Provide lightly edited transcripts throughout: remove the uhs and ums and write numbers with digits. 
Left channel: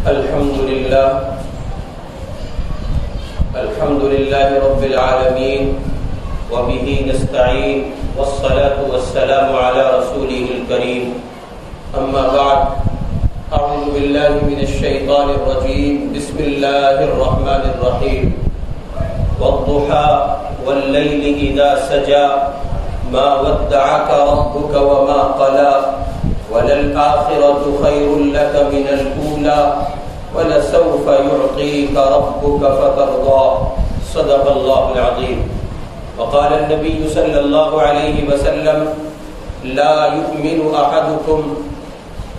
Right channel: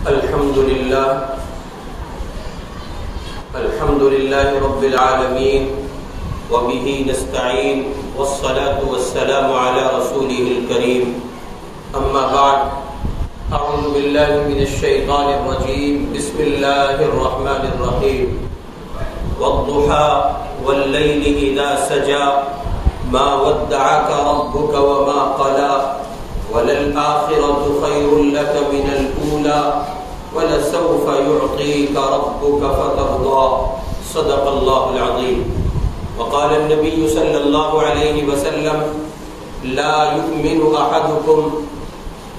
الحمد لله رب العالمين وبه نستعين والصلاة والسلام على رسوله الكريم أما بعد أعوذ بالله من الشيطان الرجيم بسم الله الرحمن الرحيم والضحى والليل إذا سجى ما ودعك ربك وما قلى وللآخرة خير لك من الأولى ولسوف يعطيك ربك فترضى صدق الله العظيم وقال النبي صلى الله عليه وسلم لا يؤمن أحدكم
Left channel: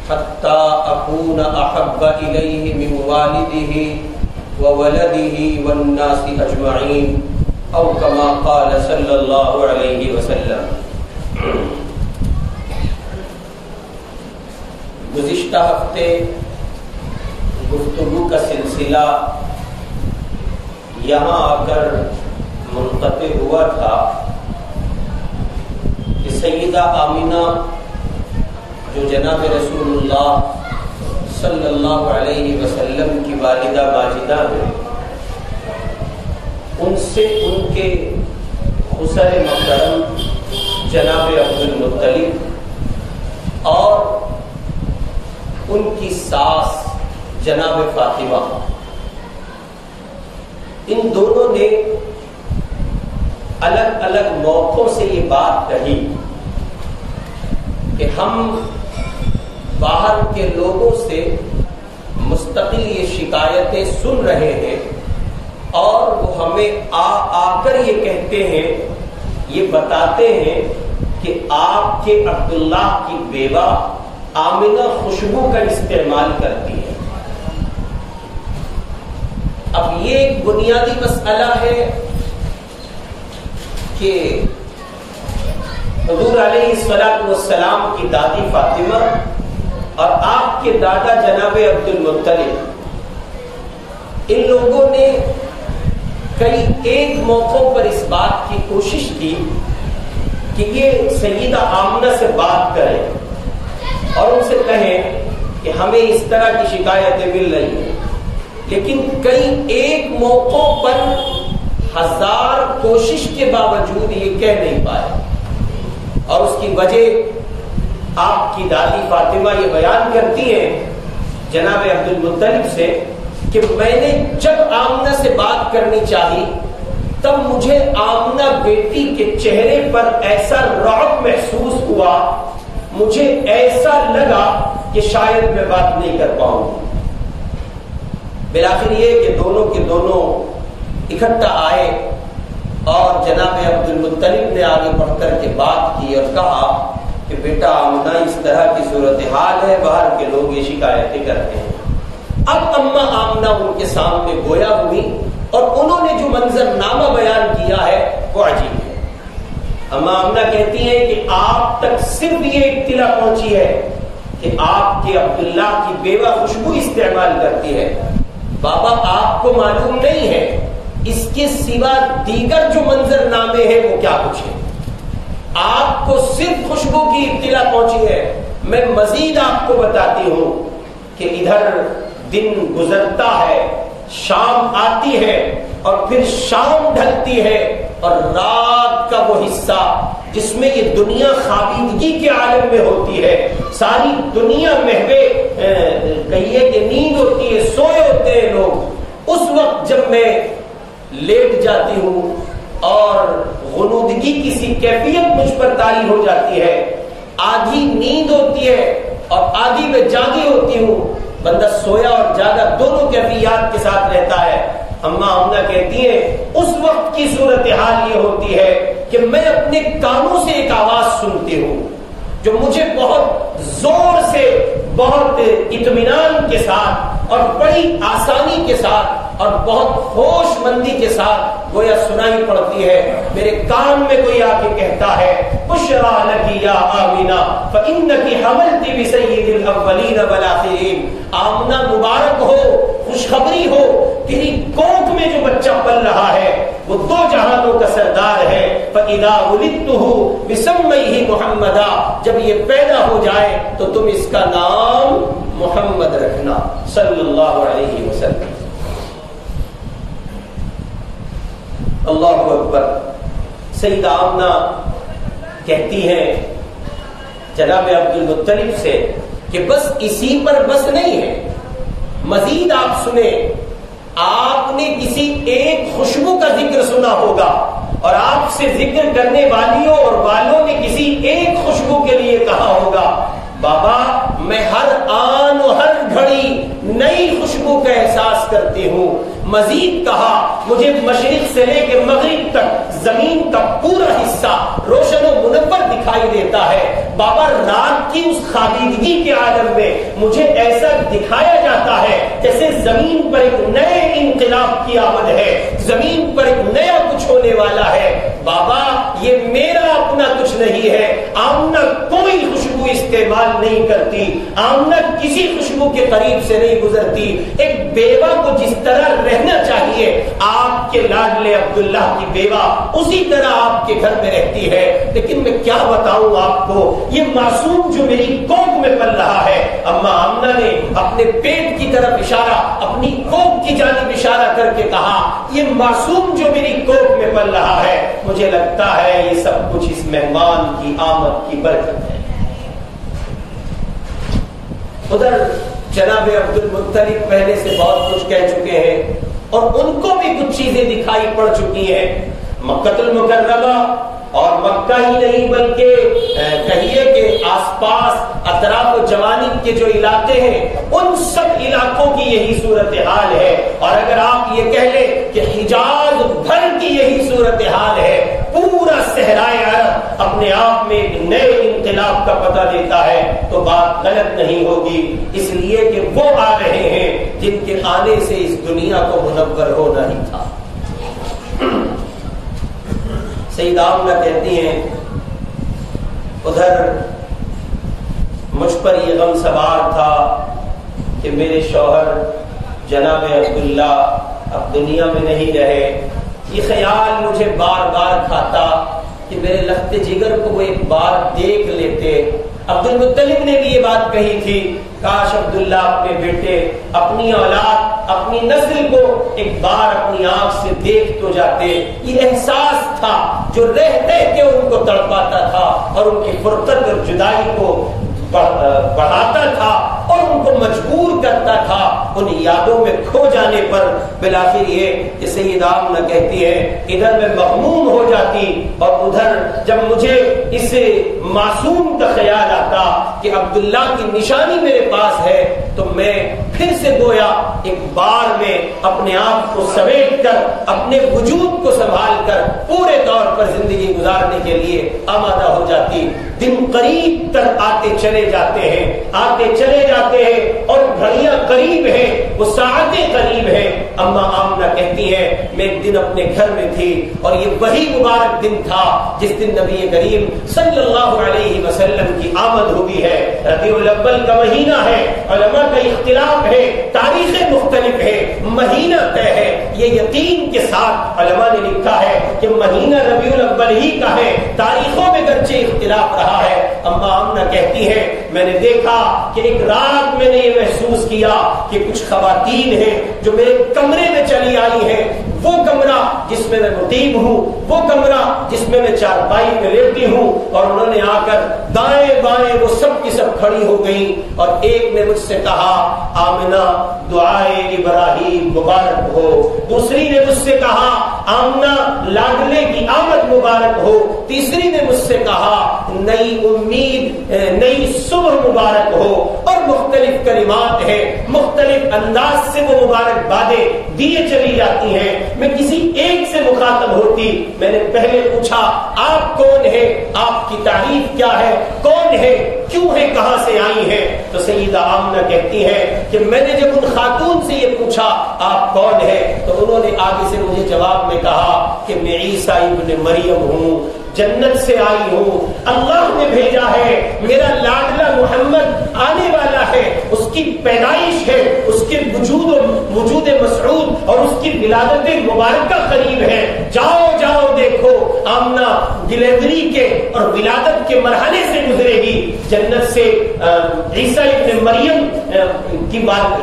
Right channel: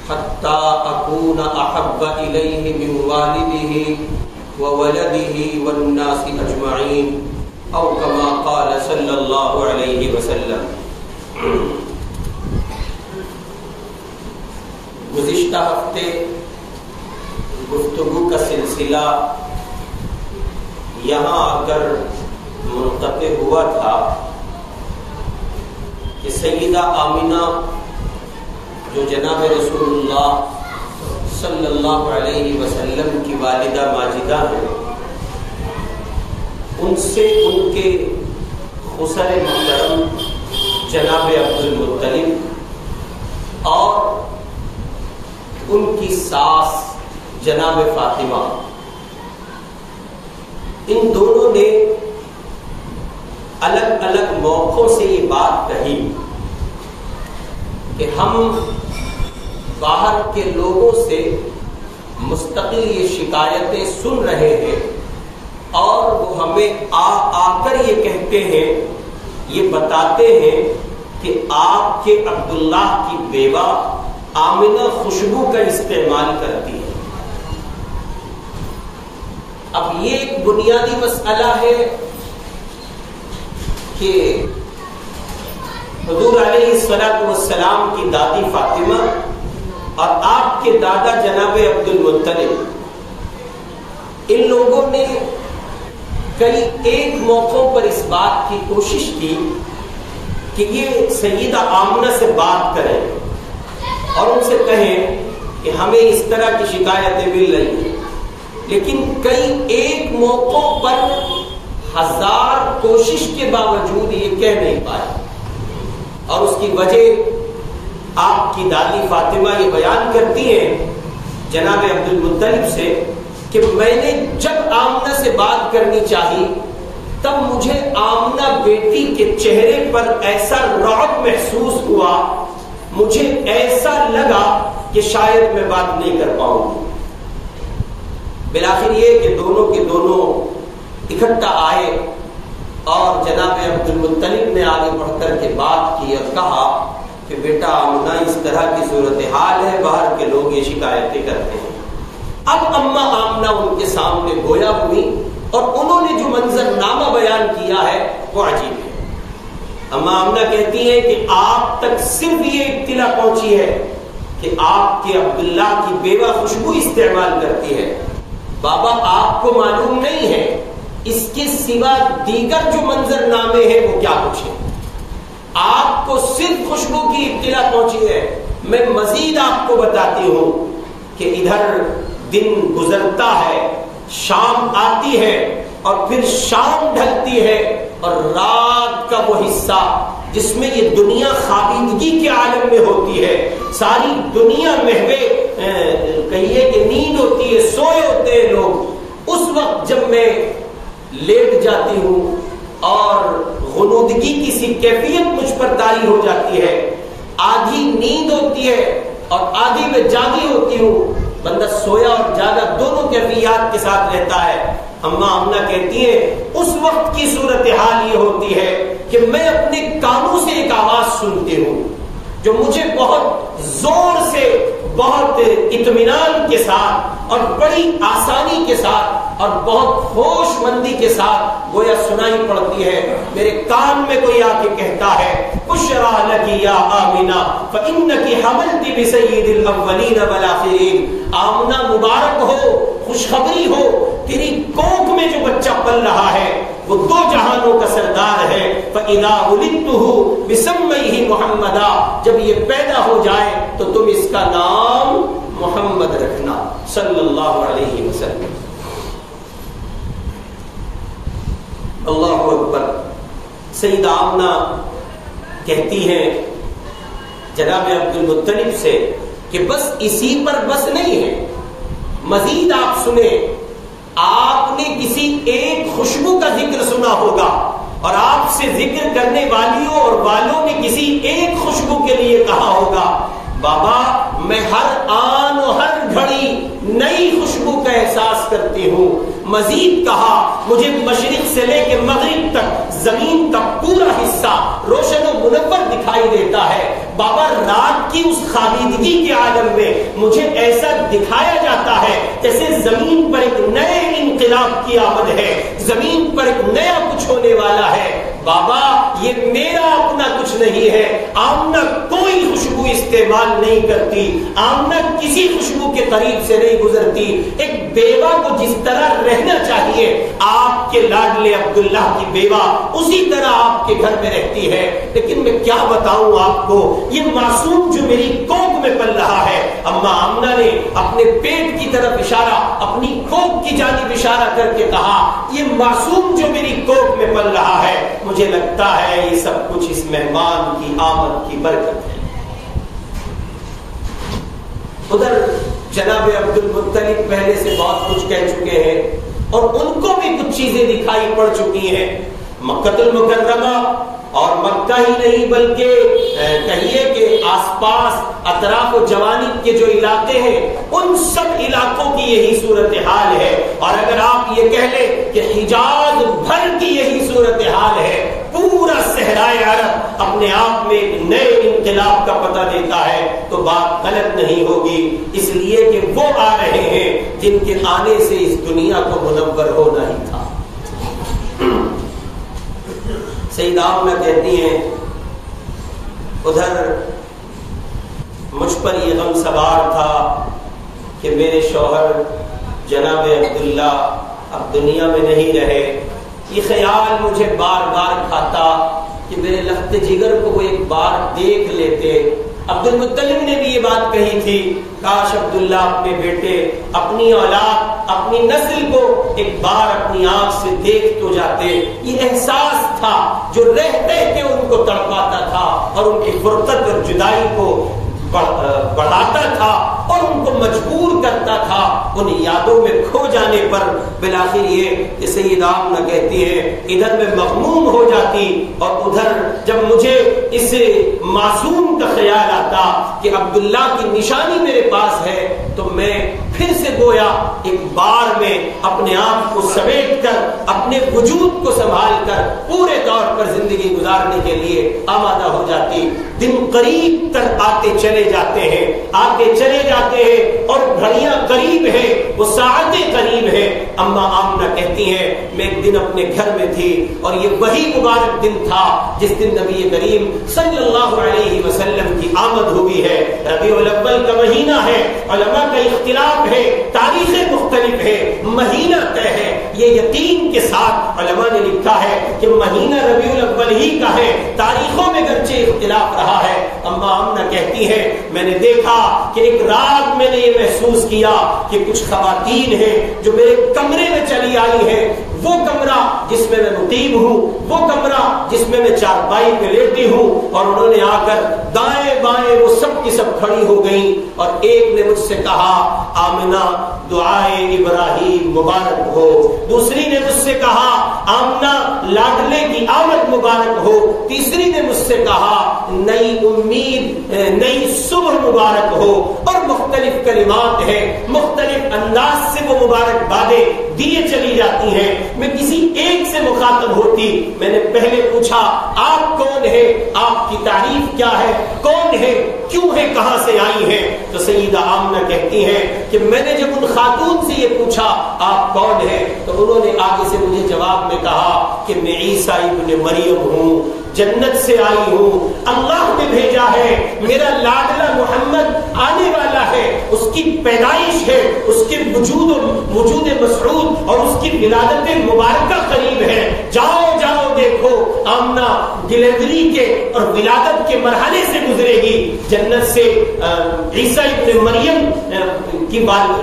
حتى أكون أحب إليه من والده وولده والناس أجمعين أو كما قال صلى الله عليه وسلم. گزشتہ ہفتے گفتگو کا سلسلہ یہاں آ کر منقطع ہوا تھا کہ سیدہ آمنہ جو جناب رسول اللہ صلی اللہ علیہ وسلم کی والدہ ماجدہ ہیں، ان سے ان کے خسر محترم جناب عبد المطلب اور ان کی ساس جناب فاطمہ، ان دونوں نے الگ الگ موقعوں سے یہ بات کہی کہ ہم باہر کے لوگوں سے مستقل یہ شکایتیں سن رہے ہیں اور وہ ہمیں آ کر یہ کہتے ہیں، یہ بتاتے ہیں کہ آپ کے عبداللہ کی بیوہ آمنہ خوشبو کا استعمال کرتی ہے. اب یہ ایک بنیادی مسئلہ ہے کہ حضور علیہ الصلوۃ والسلام کی دادی فاطمہ اور آپ کے دادا جناب عبد المطلب، ان لوگوں نے کئی ایک موقعوں پر اس بات کی کوشش کی کہ یہ سیدہ آمنہ سے بات کریں اور ان سے کہیں کہ ہمیں اس طرح کی شکایتیں مل رہی ہیں، لیکن کئی ایک موقعوں پر ہزار کوشش کے باوجود یہ کہہ نہیں پائے. اور اس کی وجہ آپ کی دادی فاطمہ یہ بیان کرتی ہیں جناب عبد المطلب سے کہ میں نے جب آمنہ سے بات کرنی چاہی تب مجھے آمنہ بیٹی کے چہرے پر ایسا رعب محسوس ہوا، مجھے ایسا لگا کہ شاید میں بات نہیں کر پاؤں گی. بالآخر یہ کہ دونوں کے دونوں اکٹھا آئے اور جناب عبد المطلب نے آگے بڑھ کر کے بات کی اور کہا کہ بیٹا آمنہ اس طرح کی صورتحال ہے، باہر کے لوگ یہ شکایتیں کرتے ہیں. اب اماں آمنہ ان کے سامنے گویا ہوئی اور انہوں نے جو منظر نامہ بیان کیا ہے وہ عجیب ہے. اماں آمنہ کہتی ہیں کہ آپ تک صرف یہ اطلاع پہنچی ہے کہ آپ کے عبداللہ کی بیوہ خوشبو استعمال کرتی ہے. بابا آپ کو معلوم نہیں ہے اس کے سوا دیگر جو منظر نامے ہیں وہ کیا کچھ ہے. آپ کو صرف خوشبو کی اطلاع پہنچی ہے. میں مزید آپ کو بتاتی ہوں کہ ادھر دن گزرتا ہے، شام آتی ہے اور پھر شام ڈھلتی ہے اور رات کا وہ حصہ جس میں یہ دنیا خوابیدگی کے عالم میں ہوتی ہے، ساری دنیا محوے کہیے کہ نیند ہوتی ہے، سوئے ہوتے ہیں لوگ، اس وقت جب میں لیٹ جاتی ہوں اور غنودگی کی سی کیفیت مجھ پر طاری ہو جاتی ہے، آدھی نیند ہوتی ہے اور آدھی میں جاگی ہوتی ہوں، بندہ سویا اور جاگا دونوں کیفیات کے ساتھ رہتا ہے. اماں آمنہ کہتی ہیں اس وقت کی صورتحال یہ ہوتی ہے کہ میں اپنے کانوں سے ایک آواز سنتی ہوں جو مجھے بہت زور سے، بہت اطمینان کے ساتھ اور بڑی آسانی کے ساتھ اور بہت ہوش مندی کے ساتھ گویا سنائی پڑتی ہے. میرے کان میں کوئی آ کے کہتا ہے بشرا لکی یا آمنہ فإنکی حملتی بسید الاولین والآخرین. آمنہ مبارک ہو، خوشخبری ہو تیری کوکھ میں جو بچہ پل رہا ہے وہ 2 جہانوں کا سردار ہے. فَإِذَا وُلِدتُّهُ بِسَمِّهِ مُحَمَّدًا جب یہ پیدا ہو جائے تو تم اس کا نام محمد رکھنا صلی اللہ علیہ وسلم. اللہ اکبر. سیدہ آمنہ کہتی ہیں جناب عبد المطلب سے کہ بس اسی پر بس نہیں ہے، مزید آپ سنیں. آپ نے کسی ایک خوشبو کا ذکر سنا ہوگا اور آپ سے ذکر کرنے والیوں اور والوں نے کسی ایک خوشبو کے لیے کہا ہوگا بابا میں ہر آن و ہر گھڑی نئی خوشبو کا احساس کرتی ہوں. مزید کہا مجھے مشرق سے لے کے مغرب تک زمین کا پورا حصہ روشن و منور دکھائی دیتا ہے. بابا رات کی اس خالیدگی کے عالم میں مجھے ایسا دکھایا جاتا ہے جیسے زمین پر ایک نئے انقلاب کی آمد ہے، زمین پر ایک نیا کچھ ہونے والا ہے. بابا یہ میرا اپنا کچھ نہیں ہے. آمنہ کوئی خوشبو استعمال نہیں کرتی، آمنہ کسی خوشبو کے قریب سے نہیں گزرتی. ایک بیوہ کو جس طرح رہنا چاہیے آپ کے لاڈلے عبداللہ کی بیوہ اسی طرح آپ کے گھر میں رہتی ہے. لیکن میں کیا بتاؤں آپ کو، یہ معصوم جو میری کوکھ میں پل رہا ہے، اماں آمنہ نے اپنے پیٹ کی طرف اشارہ، اپنی کوکھ کی جانب اشارہ کر کے کہا یہ معصوم جو میری کوکھ میں پل رہا ہے، مجھے لگتا ہے یہ سب کچھ اس مہمان کی آمد کی برکت ہے. ادھر جناب عبد المطلب پہلے سے بہت کچھ کہہ چکے ہیں اور ان کو بھی کچھ چیزیں دکھائی پڑ چکی ہیں. مکہ المکرمہ اور مکہ ہی نہیں بلکہ کہیے کہ آس پاس اطراف و جوانب کے جو علاقے ہیں ان سب علاقوں کی یہی صورتحال ہے. اور اگر آپ یہ کہہ لیں کہ حجاز بھر کی یہی صورتحال ہے، پورا صحرائے عرب اپنے آپ میں ایک نئے انقلاب کا پتہ دیتا ہے، تو بات غلط نہیں ہوگی. اس لیے کہ وہ آ رہے ہیں جن کے آنے سے اس دنیا کو منور ہونا ہی تھا. سیدہ آمنہ کہتی ہیں ادھر مجھ پر یہ غم سوار تھا کہ میرے شوہر جناب عبداللہ اب دنیا میں نہیں رہے. یہ خیال مجھے بار بار کھاتا کہ میرے لخت جگر کو وہ ایک بار دیکھ لیتے. عبد المطلب نے بھی یہ بات کہی تھی، کاش عبداللہ اپنے بیٹے، اپنی اولاد، اپنی نسل کو ایک بار اپنی آنکھ سے دیکھ تو جاتے. یہ احساس تھا جو رہ رہ کے ان کو تڑپاتا تھا اور ان کی فرقت اور جدائی کو بڑھاتا تھا اور ان کو مجبور کرتا تھا ان یادوں میں کھو جانے پر. بالآخر یہ کہ سیدہ آمنہ کہتی ہے ادھر میں مغموم ہو جاتی اور ادھر جب مجھے اس معصوم کا خیال آتا کہ عبداللہ کی نشانی میرے پاس ہے تو میں پھر سے گویا ایک بار میں اپنے آپ کو سمیٹ کر اپنے وجود کو سنبھال کر پورے طور پر زندگی گزارنے کے لیے آمادہ ہو جاتی. دن قریب تر آتے چلے جاتے ہیں، آتے چلے جاتے ہیں اور گھڑیاں قریب ہیں، وہ ساعتیں قریب ہیں. اماں آمنہ کہتی ہیں میں ایک دن اپنے گھر میں تھی اور یہ وہی مبارک دن تھا جس دن نبی کریم صلی اللہ علیہ وسلم کی آمد ہوئی ہے. ربیع الاول کا مہینہ ہے، علماء کا اختلاف ہے، تاریخیں مختلف ہے، مہینہ طے ہے. یہ یقین کے ساتھ علماء نے لکھا ہے کہ مہینہ ربیع الاول ہی کا ہے، تاریخوں میں گرچہ اختلاف رہا ہے. اماں آمنہ کہتی ہیں میں نے دیکھا کہ ایک رات میں نے یہ محسوس کیا کہ کچھ خواتین ہیں جو میرے کمرے میں چلی آئی ہیں. وہ کمرہ جس میں میں مقیم ہوں، وہ کمرہ جس میں میں چارپائی پہ لیٹی ہوں، اور انہوں نے آ کر دائیں بائیں وہ سب کی سب کھڑی ہو گئیں اور ایک نے مجھ سے کہا آمنہ دعائے ابراہیم مبارک ہو، دوسری نے مجھ سے کہا آمنہ لاڈلے کی آمد مبارک ہو، تیسری نے مجھ سے کہا نئی امید، نئی صبح مبارک ہو، اور مختلف کلمات ہیں، مختلف انداز سے وہ مبارکبادیں دیے چلی جاتی ہیں. میں کسی ایک سے مخاطب ہوتی، میں نے پہلے پوچھا آپ کون ہیں، آپ کی تعریف کیا ہے، کون ہے، کیوں ہے، کہاں سے آئی ہیں. تو سیدہ آمنہ کہتی ہیں کہ میں نے جب ان خاتون سے یہ پوچھا آپ کون ہیں تو انہوں نے آگے سے مجھے جواب میں کہا کہ میں عیسیٰ ابن مریم ہوں. جنت سے آئی ہوں، اللہ نے بھیجا ہے، میرا لاڈلا محمد آنے والا ہے، اس کی پیدائش ہے، اس کے وجود مسعود اور اس کی ولادت مبارکہ قریب ہے، جاؤ جاؤ دیکھو آمنہ ڈیلیوری کے اور ولادت کے مرحلے سے گزرے گی، جنت سے عیسیٰ ابن مریم کی والدہ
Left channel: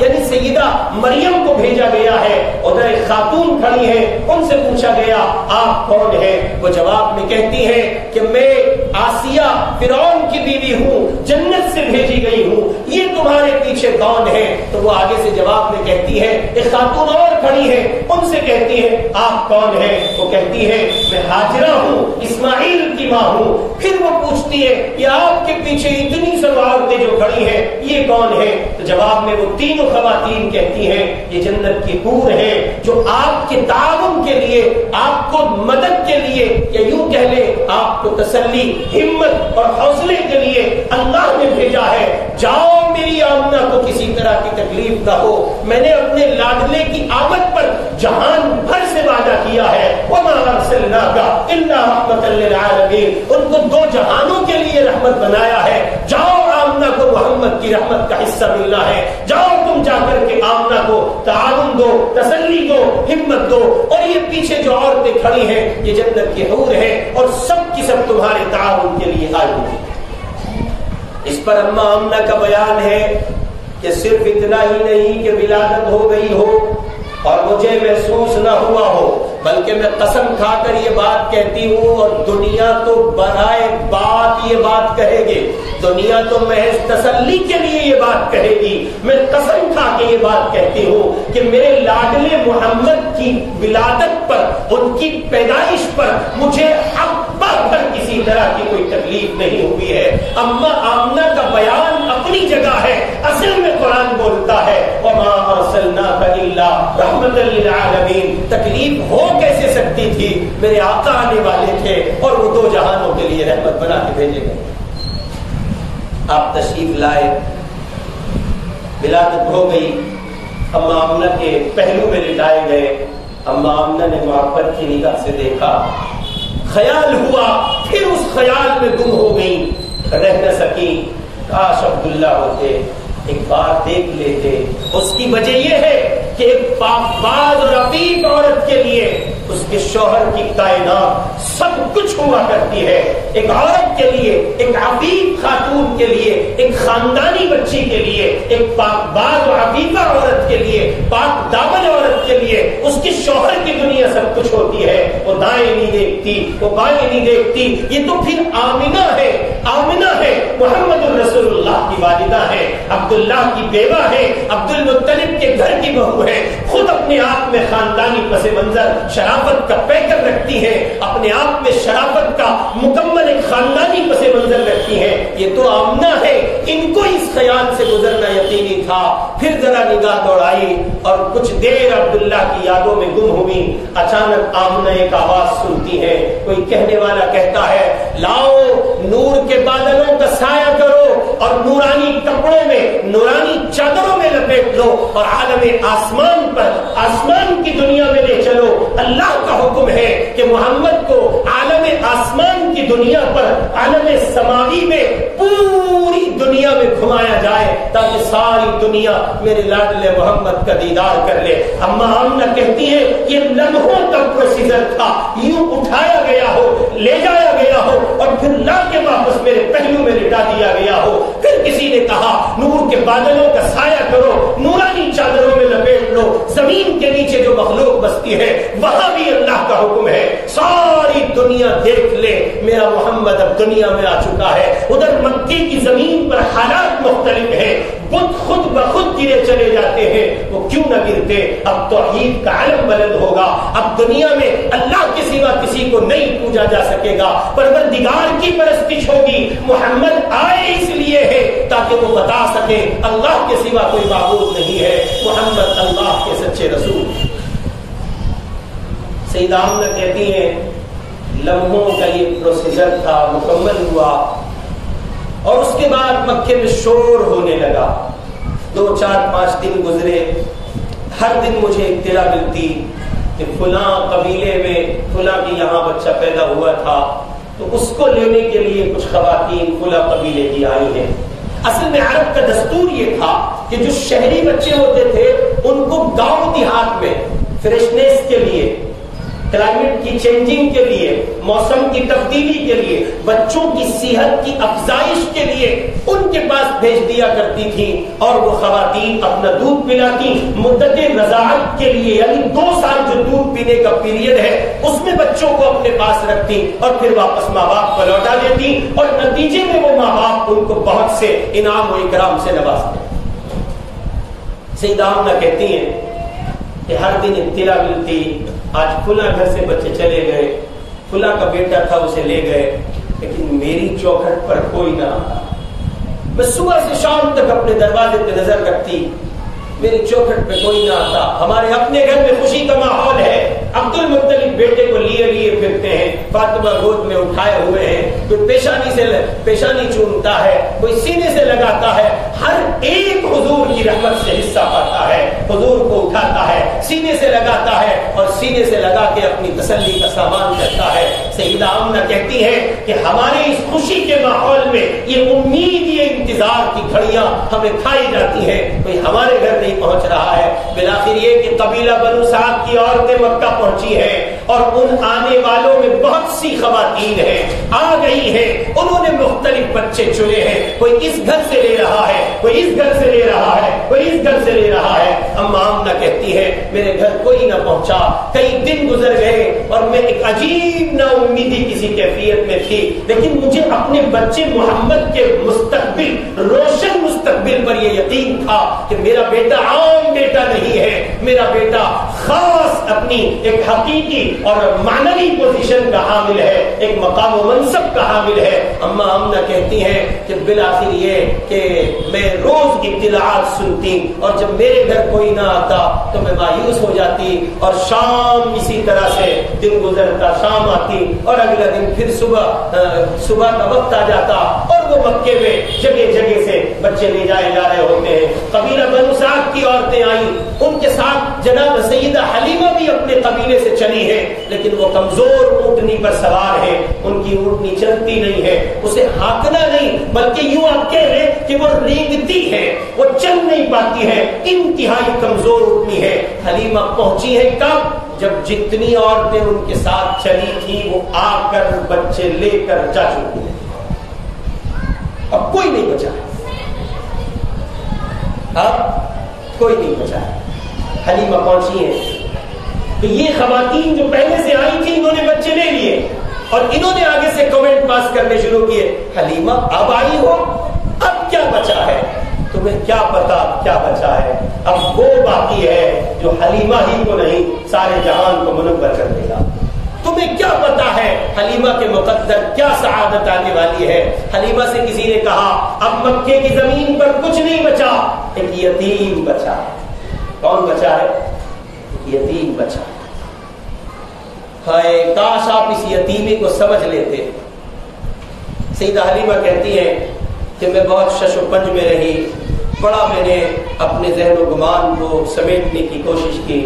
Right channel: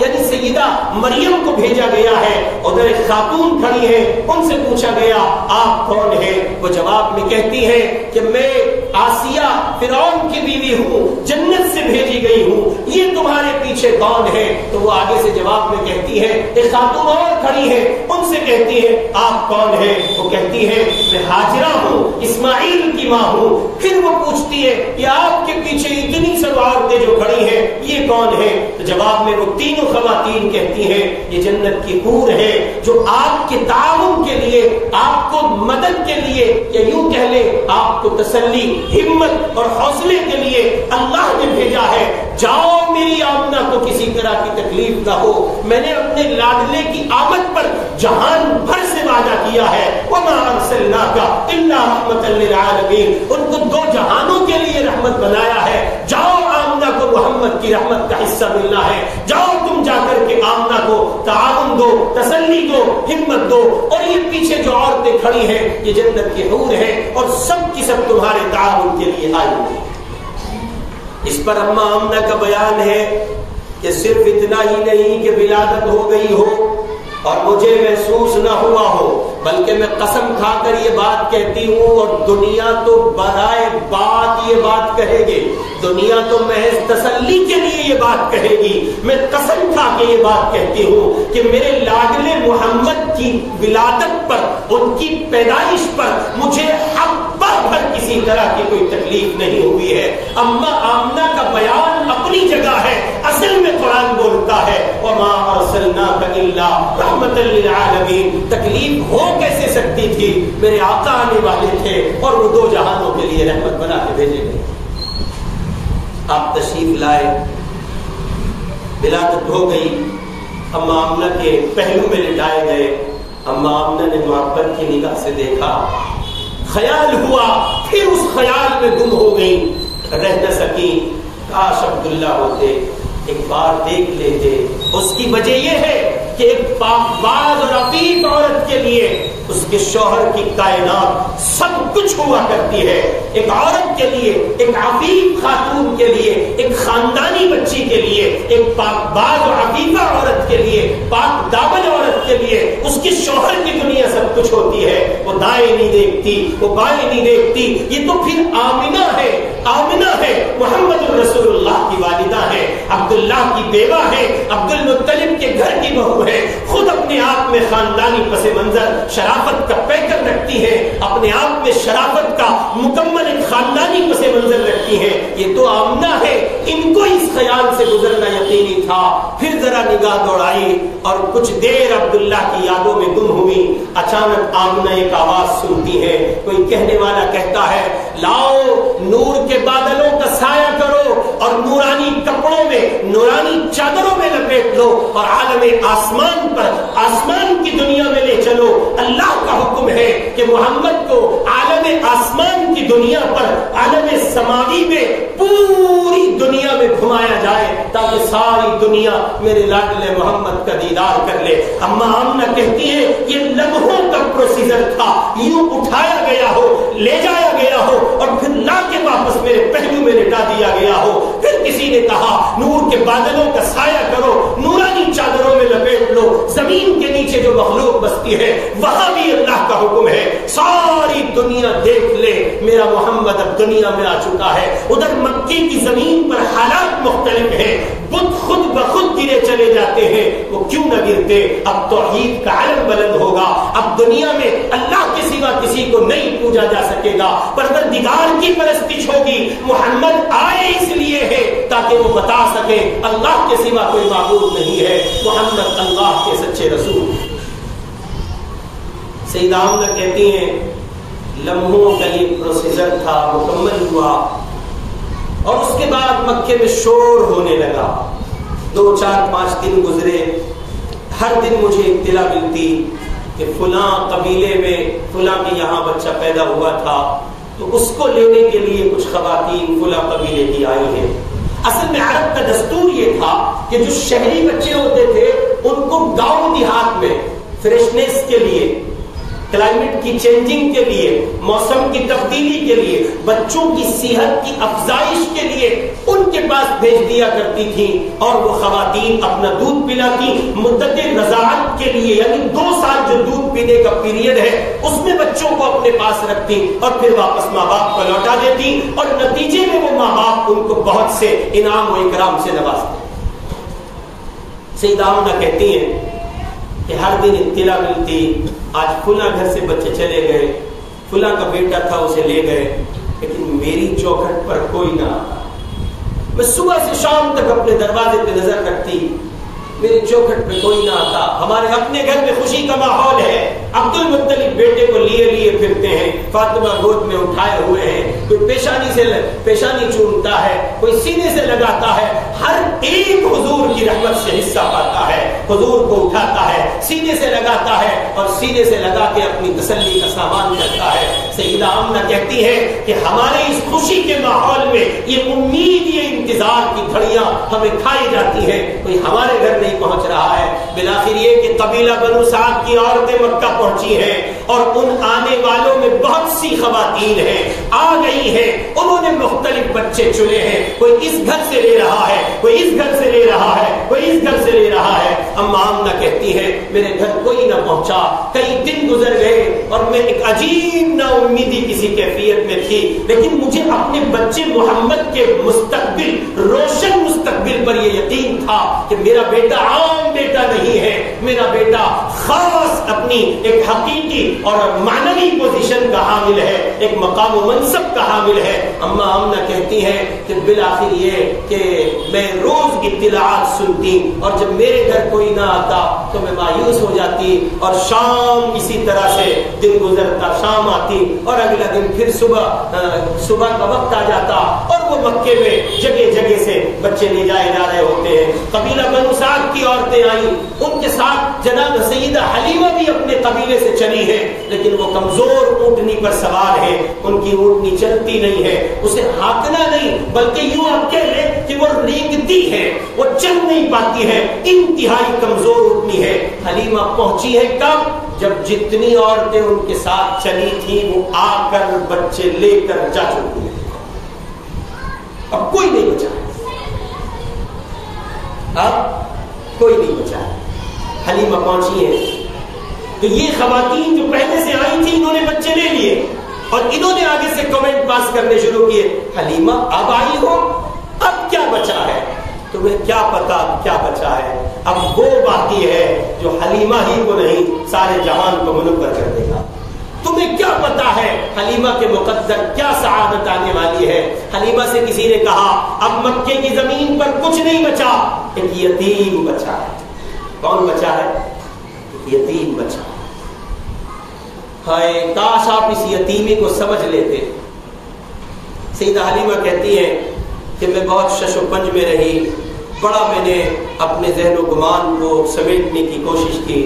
یعنی سیدہ مریم کو بھیجا گیا ہے، ادھر ایک خاتون کھڑی ہے، ان سے پوچھا گیا آپ کون ہیں؟ وہ جواب میں کہتی ہیں کہ میں آسیہ فرعون کی بیوی ہوں، جنت سے بھیجی گئی ہوں، یہ تمہارے پیچھے کون ہے؟ تو وہ آگے سے جواب میں کہتی ہے، ایک خاتون اور کھڑی ہے، ان سے کہتی ہے آپ کون ہیں؟ وہ کہتی ہے میں ہاجرہ ہوں، اسماعیل کی ماں ہوں۔ پھر وہ پوچھتی ہے کہ آپ کے پیچھے اتنی سب عورتیں جو کھڑی ہیں یہ کون ہے؟ تو جواب میں وہ تینوں خواتین کہتی ہیں یہ جنت کی حور ہے جو آپ کے تعاون کے لیے، آپ کو مدد کے لیے، یا یوں کہہ لیں آپ کو تسلی، ہمت اور حوصلے کے لیے اللہ نے بھیجا ہے۔ جاؤ میری آمنہ کو کسی طرح کی تکلیف نہ ہو، میں نے اپنے لاڈلے کی آمد پر جہان بھر سے وعدہ کیا ہے، وما ارسلناک الا رحمۃ للعالمین، ان کو دو جہانوں کے لیے رحمت بنایا ہے۔ جاؤ آمنہ کو محمد کی رحمت کا حصہ ملنا ہے، جاؤ تم جا کر کے آمنہ کو تعاون دو، تسلی دو، ہمت دو۔ اور یہ پیچھے جو عورتیں کھڑی ہیں یہ جنت کی حور ہیں اور سب کی سب تمہارے تعاون کے لیے آئی ہیں۔ اس پر اماں آمنہ کا بیان ہے کہ صرف اتنا ہی نہیں کہ ولادت ہو گئی ہو اور مجھے محسوس نہ ہوا ہو، بلکہ میں قسم کھا کر یہ بات کہتی ہوں، اور دنیا تو برائے بات یہ بات کہے گی، دنیا تو محض تسلی کے لیے یہ بات کہے گی، میں قسم کھا کے یہ بات کہتی ہوں کہ میرے لاڈلے محمد کی ولادت پر، ان کی پیدائش پر مجھے حبہ بھر کسی طرح کی کوئی تکلیف نہیں ہوئی ہے۔ اماں آمنہ کا بیان اپنی جگہ ہے، اصل میں قرآن بولتا ہے وما ارسلناک الا رحمۃ للعالمین۔ تکلیف ہو کیسے سکتی تھی؟ میرے آقا آنے والے تھے اور وہ دو جہانوں کے لیے رحمت بنا کے بھیجے گئے۔ آپ تشریف لائے، ولادت ہو گئی، اماں آمنہ کے پہلو میں لٹائے گئے، اماں آمنہ نے محبت کی نگاہ سے دیکھا، خیال ہوا، پھر اس خیال میں گم ہو گئی، رہ نہ سکی، کاش عبداللہ ہوتے، ایک بار دیکھ لیتے۔ اس کی وجہ یہ ہے کہ ایک پاک باز اور عفیف عورت کے لیے اس کے شوہر کی کائنات سب کچھ ہوا کرتی ہے۔ ایک عورت کے لیے، ایک عفیف خاتون کے لیے، ایک خاندانی بچی کے لیے، ایک پاک باز اور عفیفہ عورت کے لیے، پاک دامن عورت کے لیے اس کے شوہر کی دنیا سب کچھ ہوتی ہے۔ وہ دائیں نہیں دیکھتی، وہ بائیں نہیں دیکھتی۔ یہ تو پھر آمنہ ہے، آمنہ ہے، محمد الرسول اللہ کی والدہ ہے، عبداللہ کی بیوہ ہے، عبد المطلب کے گھر کی بہو ہے، خود اپنے آپ میں خاندانی پس منظر شرافت کا پیکر رکھتی ہے، اپنے آپ میں شرافت کا مکمل ایک خاندانی پس منظر رکھتی ہے۔ یہ تو آمنہ ہے، ان کو اس خیال سے گزرنا یقینی تھا۔ پھر ذرا نگاہ دوڑائی اور کچھ دیر عبداللہ کی یادوں میں گم ہوئی۔ اچانک آمنہ ایک آواز سنتی ہے، کوئی کہنے والا کہتا ہے لاؤ نور کے بادلوں کا سایہ کرو اور نورانی کپڑوں میں، نورانی چادروں میں لپیٹ لو اور عالم آسمان پر، آسمان کی دنیا میں لے چلو۔ اللہ کا حکم ہے کہ محمد کو عالم آسمان کی دنیا پر، عالم سماوی میں، پوری دنیا میں گھمایا جائے تاکہ ساری دنیا میرے لاڈلے محمد کا دیدار کر لے۔ اماں آمنہ کہتی ہے یہ لمحوں کا پروسیجر تھا، یوں اٹھایا گیا ہو، لے جایا گیا ہو اور پھر لا کے واپس میرے پہلو میں لٹا دیا گیا ہو۔ پھر کسی نے کہا نور کے بادلوں کا سایہ کرو، نورانی چادروں میں لپیٹ لو، زمین کے نیچے جو مخلوق بستی ہے وہاں بھی اللہ کا حکم ہے ساری دنیا دیکھ لے میرا محمد اب دنیا میں آ چکا ہے۔ ادھر مکے کی زمین پر حالات مختلف ہیں، بت خود بخود گرے چلے جاتے ہیں، وہ کیوں نہ گرتے؟ اب توحید کا علم بلند ہوگا، اب دنیا میں اللہ کے سوا کسی کو نہیں پوجا جا سکے گا، پروردگار کی پرستش ہوگی۔ محمد آئے اس لیے ہے تاکہ وہ بتا سکے اللہ کے سوا کوئی معبود نہیں ہے، محمد اللہ کے سچے رسول۔ سیدہ آمنہ کہتی ہیں لمحوں کا یہ پروسیجر تھا، مکمل ہوا اور اس کے بعد مکے میں شور ہونے لگا۔ 2 4 5 دن گزرے، ہر دن مجھے اطلاع ملتی کہ فلاں قبیلے میں فلاں کے یہاں بچہ پیدا ہوا تھا تو اس کو لینے کے لیے کچھ خواتین فلاں قبیلے کی آئی ہیں. اصل میں عرب کا دستور یہ تھا کہ جو شہری بچے ہوتے تھے ان کو گاؤں دیہات میں فریشنس کے لیے، کلائمیٹ کی چینجنگ کے لیے، موسم کی تبدیلی کے لیے، بچوں کی صحت کی افزائش کے لیے ان کے پاس بھیج دیا کرتی تھیں اور وہ خواتین اپنا دودھ پلاتی مدت رضاعت کے لیے، یعنی 2 سال جو دودھ پینے کا پیریڈ ہے اس میں بچوں کو اپنے پاس رکھتی اور پھر واپس ماں باپ کو لوٹا دیتی، اور نتیجے میں وہ ماں باپ ان کو بہت سے انعام و اکرام سے نوازتے. سیدہ آمنہ کہتی ہیں کہ ہر دن اطلاع ملتی آج فلاں گھر سے بچے چلے گئے، فلاں کا بیٹا تھا اسے لے گئے، لیکن میری چوکھٹ پر کوئی نہ آتا. میں صبح سے شام تک اپنے دروازے پہ نظر رکھتی، میری چوکھٹ پہ کوئی نہ آتا. ہمارے اپنے گھر میں خوشی کا ماحول ہے، عبد المطلب بیٹے کو لیے لیے پھرتے ہیں، فاطمہ گود میں اٹھائے ہوئے ہیں، کوئی پیشانی چومتا ہے، کوئی سینے سے لگاتا ہے، ہر ایک حضور کی رحمت سے حصہ پاتا ہے، حضور کو اٹھاتا ہے، سینے سے لگاتا ہے اور سینے سے لگا کے اپنی تسلی کا سامان کرتا ہے. سیدہ آمنہ کہتی ہے کہ ہمارے اس خوشی کے ماحول میں یہ امید، یہ انتظار کی گھڑیاں ہمیں کھائی جاتی ہیں، کوئی ہمارے گھر نہیں پہنچ رہا ہے. بالآخر یہ کہ قبیلہ بنو سعد کی عورتیں مکہ پہنچی ہیں اور ان آنے والوں میں بہت سی خواتین ہیں، آ گئی ہیں، انہوں نے مختلف بچے چنے ہیں، کوئی اس گھر سے لے رہا ہے، کوئی اس گھر سے لے رہا ہے، کوئی اس گھر سے لے رہا ہے. اما آمنہ کہتی ہے میرے گھر کوئی نہ پہنچا، کئی دن گزر گئے اور میں ایک عجیب نا امیدی کسی کیفیت میں تھی، لیکن مجھے اپنے بچے محمد کے مستقبل، روشن مستقبل پر یہ یقین تھا کہ میرا بیٹا عام بیٹا نہیں ہے، میرا بیٹا خاص اپنی ایک حقیقی اور معنوی پوزیشن کا حامل ہے، ایک مقام و منصب کا حامل ہے. اما آمنہ کہتی ہیں کہ بالآخر یہ کہ میں روز اطلاعات سنتی اور جب میرے گھر کوئی نہ آتا تو میں مایوس ہو جاتی اور شام اسی طرح سے دن گزرتا، شام آتی اور اگلا دن پھر صبح کا وقت آ جاتا اور وہ مکے میں جگہ جگہ سے بچے لے جائے جا رہے ہوتے ہیں. قبیلہ بنو سعد کی عورتیں آئیں، ان کے ساتھ جناب سیدہ حلیمہ بھی اپنے قبیلے سے چلی ہے، لیکن وہ کمزور اونٹنی پر سوار ہے، ان کی اونٹنی چلتی نہیں ہے، اسے ہانکنا نہیں بلکہ یوں آپ کہہ لیں کہ وہ ریگتی ہے، وہ چل نہیں پاتی ہے، انتہائی کمزور اونٹنی ہے. حلیمہ پہنچی ہے کب؟ جب جتنی عورتیں ان کے ساتھ چلی تھیں وہ آ کر بچے لے کر جا چکی ہیں، اب کوئی نہیں بچا ہے، اب کوئی نہیں بچا ہے. حلیمہ پہنچی ہے تو یہ خواتین جو پہلے سے آئی تھی انہوں نے بچے لے لیے اور انہوں نے آگے سے کمنٹ پاس کرنے شروع کیے، حلیمہ اب آئی ہو، اب کیا بچا ہے؟ تمہیں کیا پتا کیا بچا ہے؟ اب وہ باقی ہے جو حلیمہ ہی کو نہیں سارے جہان کو منور کر دے گا. تمہیں کیا پتا ہے حلیمہ کے مقدر کیا سعادت آنے والی ہے؟ حلیمہ سے کسی نے کہا اب مکے کی زمین پر کچھ نہیں بچا، ایک یتیم بچا ہے. کون بچا ہے؟ ایک یتیم بچا. ہائے کاش آپ اس یتیمی کو سمجھ لیتے. سیدہ حلیمہ کہتی ہیں کہ میں بہت شش و پنج میں رہی، بڑا میں نے اپنے ذہن و گمان کو سمیٹنے کی کوشش کی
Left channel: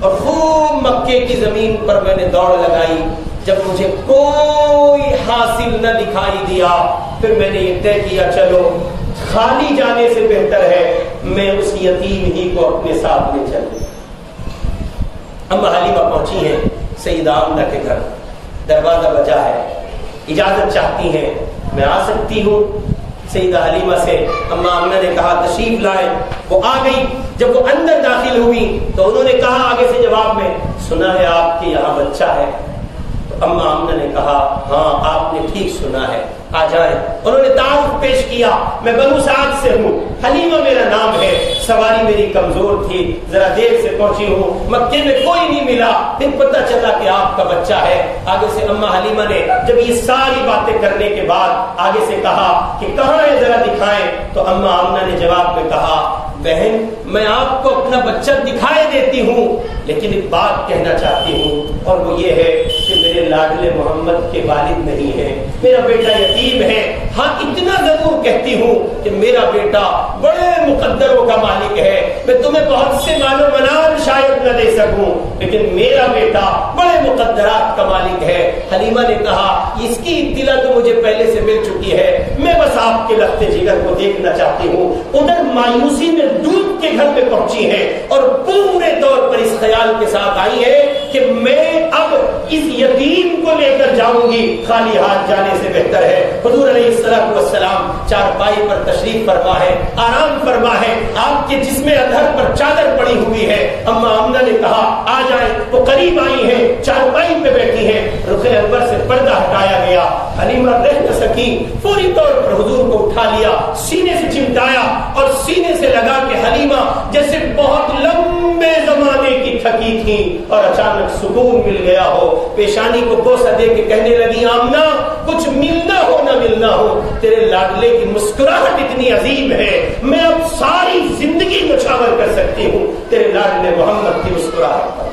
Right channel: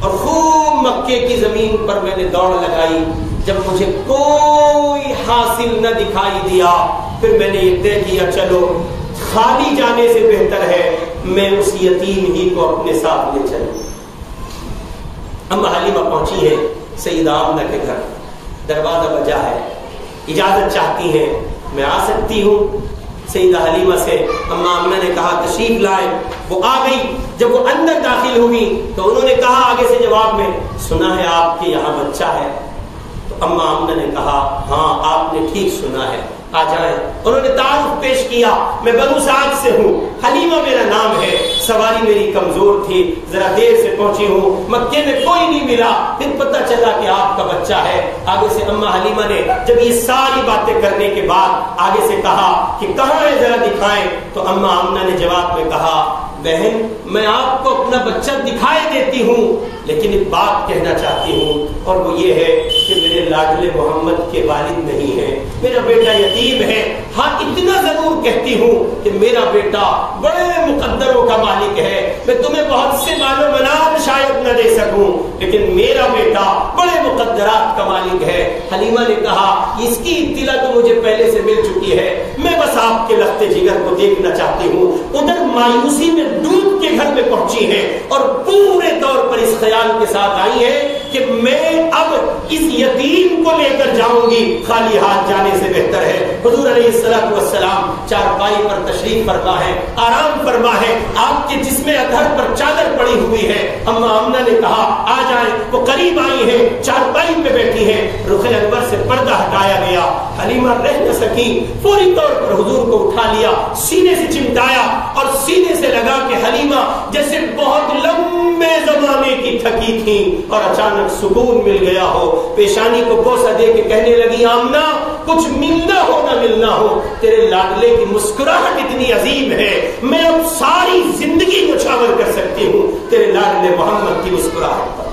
اور خوب مکے کی زمین پر میں نے دوڑ لگائی. جب مجھے کوئی حاصل نہ دکھائی دیا پھر میں نے یہ طے کیا چلو خالی جانے سے بہتر ہے میں اس یتیم ہی کو اپنے ساتھ لے چلوں. اما حلیمہ پہنچی ہیں سیدہ آمنہ کے گھر، دروازہ بجا ہے، اجازت چاہتی ہیں میں آ سکتی ہوں؟ سیدہ حلیمہ سے اما آمنہ نے کہا تشریف لائیں. وہ آ گئی. جب وہ اندر داخل ہوئی تو انہوں نے کہا آگے سے جواب میں، سنا ہے آپ کے یہاں بچہ ہے؟ تو اما آمنہ نے کہا ہاں آپ نے ٹھیک سنا ہے، آ جائیں. انہوں نے تعارف پیش کیا، میں بنو سعد سے ہوں، حلیمہ میرا نام ہے، سواری میری کمزور تھی، ذرا دیر سے پہنچی ہوں، مکے میں کوئی نہیں ملا، پھر پتہ چلا کہ آپ کا بچہ ہے. آگے سے اما حلیمہ نے جب یہ ساری باتیں کرنے کے بعد آگے سے کہا کہ کہاں ہے ذرا دکھائیں، تو اما آمنہ نے جواب میں کہا بہن میں آپ کو اپنا بچہ دکھائے دیتی ہوں لیکن ایک بات کہنا چاہتی ہوں اور وہ یہ ہے کہ میرے لاڈلے محمد کے والد نہیں ہیں، میرا بیٹا یتیم ہے. ہاں اتنا ضرور کہتی ہوں کہ میرا بیٹا بڑے مقدروں کا مالک مالک ہے، میں تمہیں بہت سے مال و منال شاید نہ دے سکوں، لیکن میرا بیٹا بڑے مقدرات کا مالک ہے۔ حلیمہ نے کہا اس کی اطلاع تو مجھے پہلے سے مل چکی ہے، میں بس آپ کے لخت جگر کو دیکھنا چاہتی ہوں۔ ادھر مایوسی میں ڈوب کے گھر میں پہنچی ہے اور پورے طور پر اس خیال کے ساتھ آئی ہے کہ میں اب اس یتیم کو لے کر جاؤں گی، خالی ہاتھ جانے سے بہتر ہے۔ حضور علیہ الصلوۃ والسلام چارپائی پر تشریف فرما ہے، آرام فرما ہے، آپ کے جسم ادھر پر چادر پڑی ہوئی ہے۔ اما آمنہ نے کہا آ جائیں، وہ قریب آئی ہیں، چارپائی پہ بیٹھی ہیں، رخ انور سے پردہ ہٹایا گیا۔ حلیمہ رہ نہ سکی، فوری طور پر حضور کو اٹھا لیا، سینے سے چمٹایا اور سینے سے لگا کہ حلیمہ جیسے بہت لمبے زمانے کی تھکی تھی اور اچانک سکون مل گیا ہو، پیشانی کو بوسہ دے کے کہنے لگی آمنہ کچھ ملنا ہو نہ ملنا ہو، تیرے لاڈلے کی مسکراہٹ اتنی عظیم ہے، میں اب ساری زندگی نچھاور کر سکتی ہوں تیرے لاڈلے محمد کی مسکراہٹ پر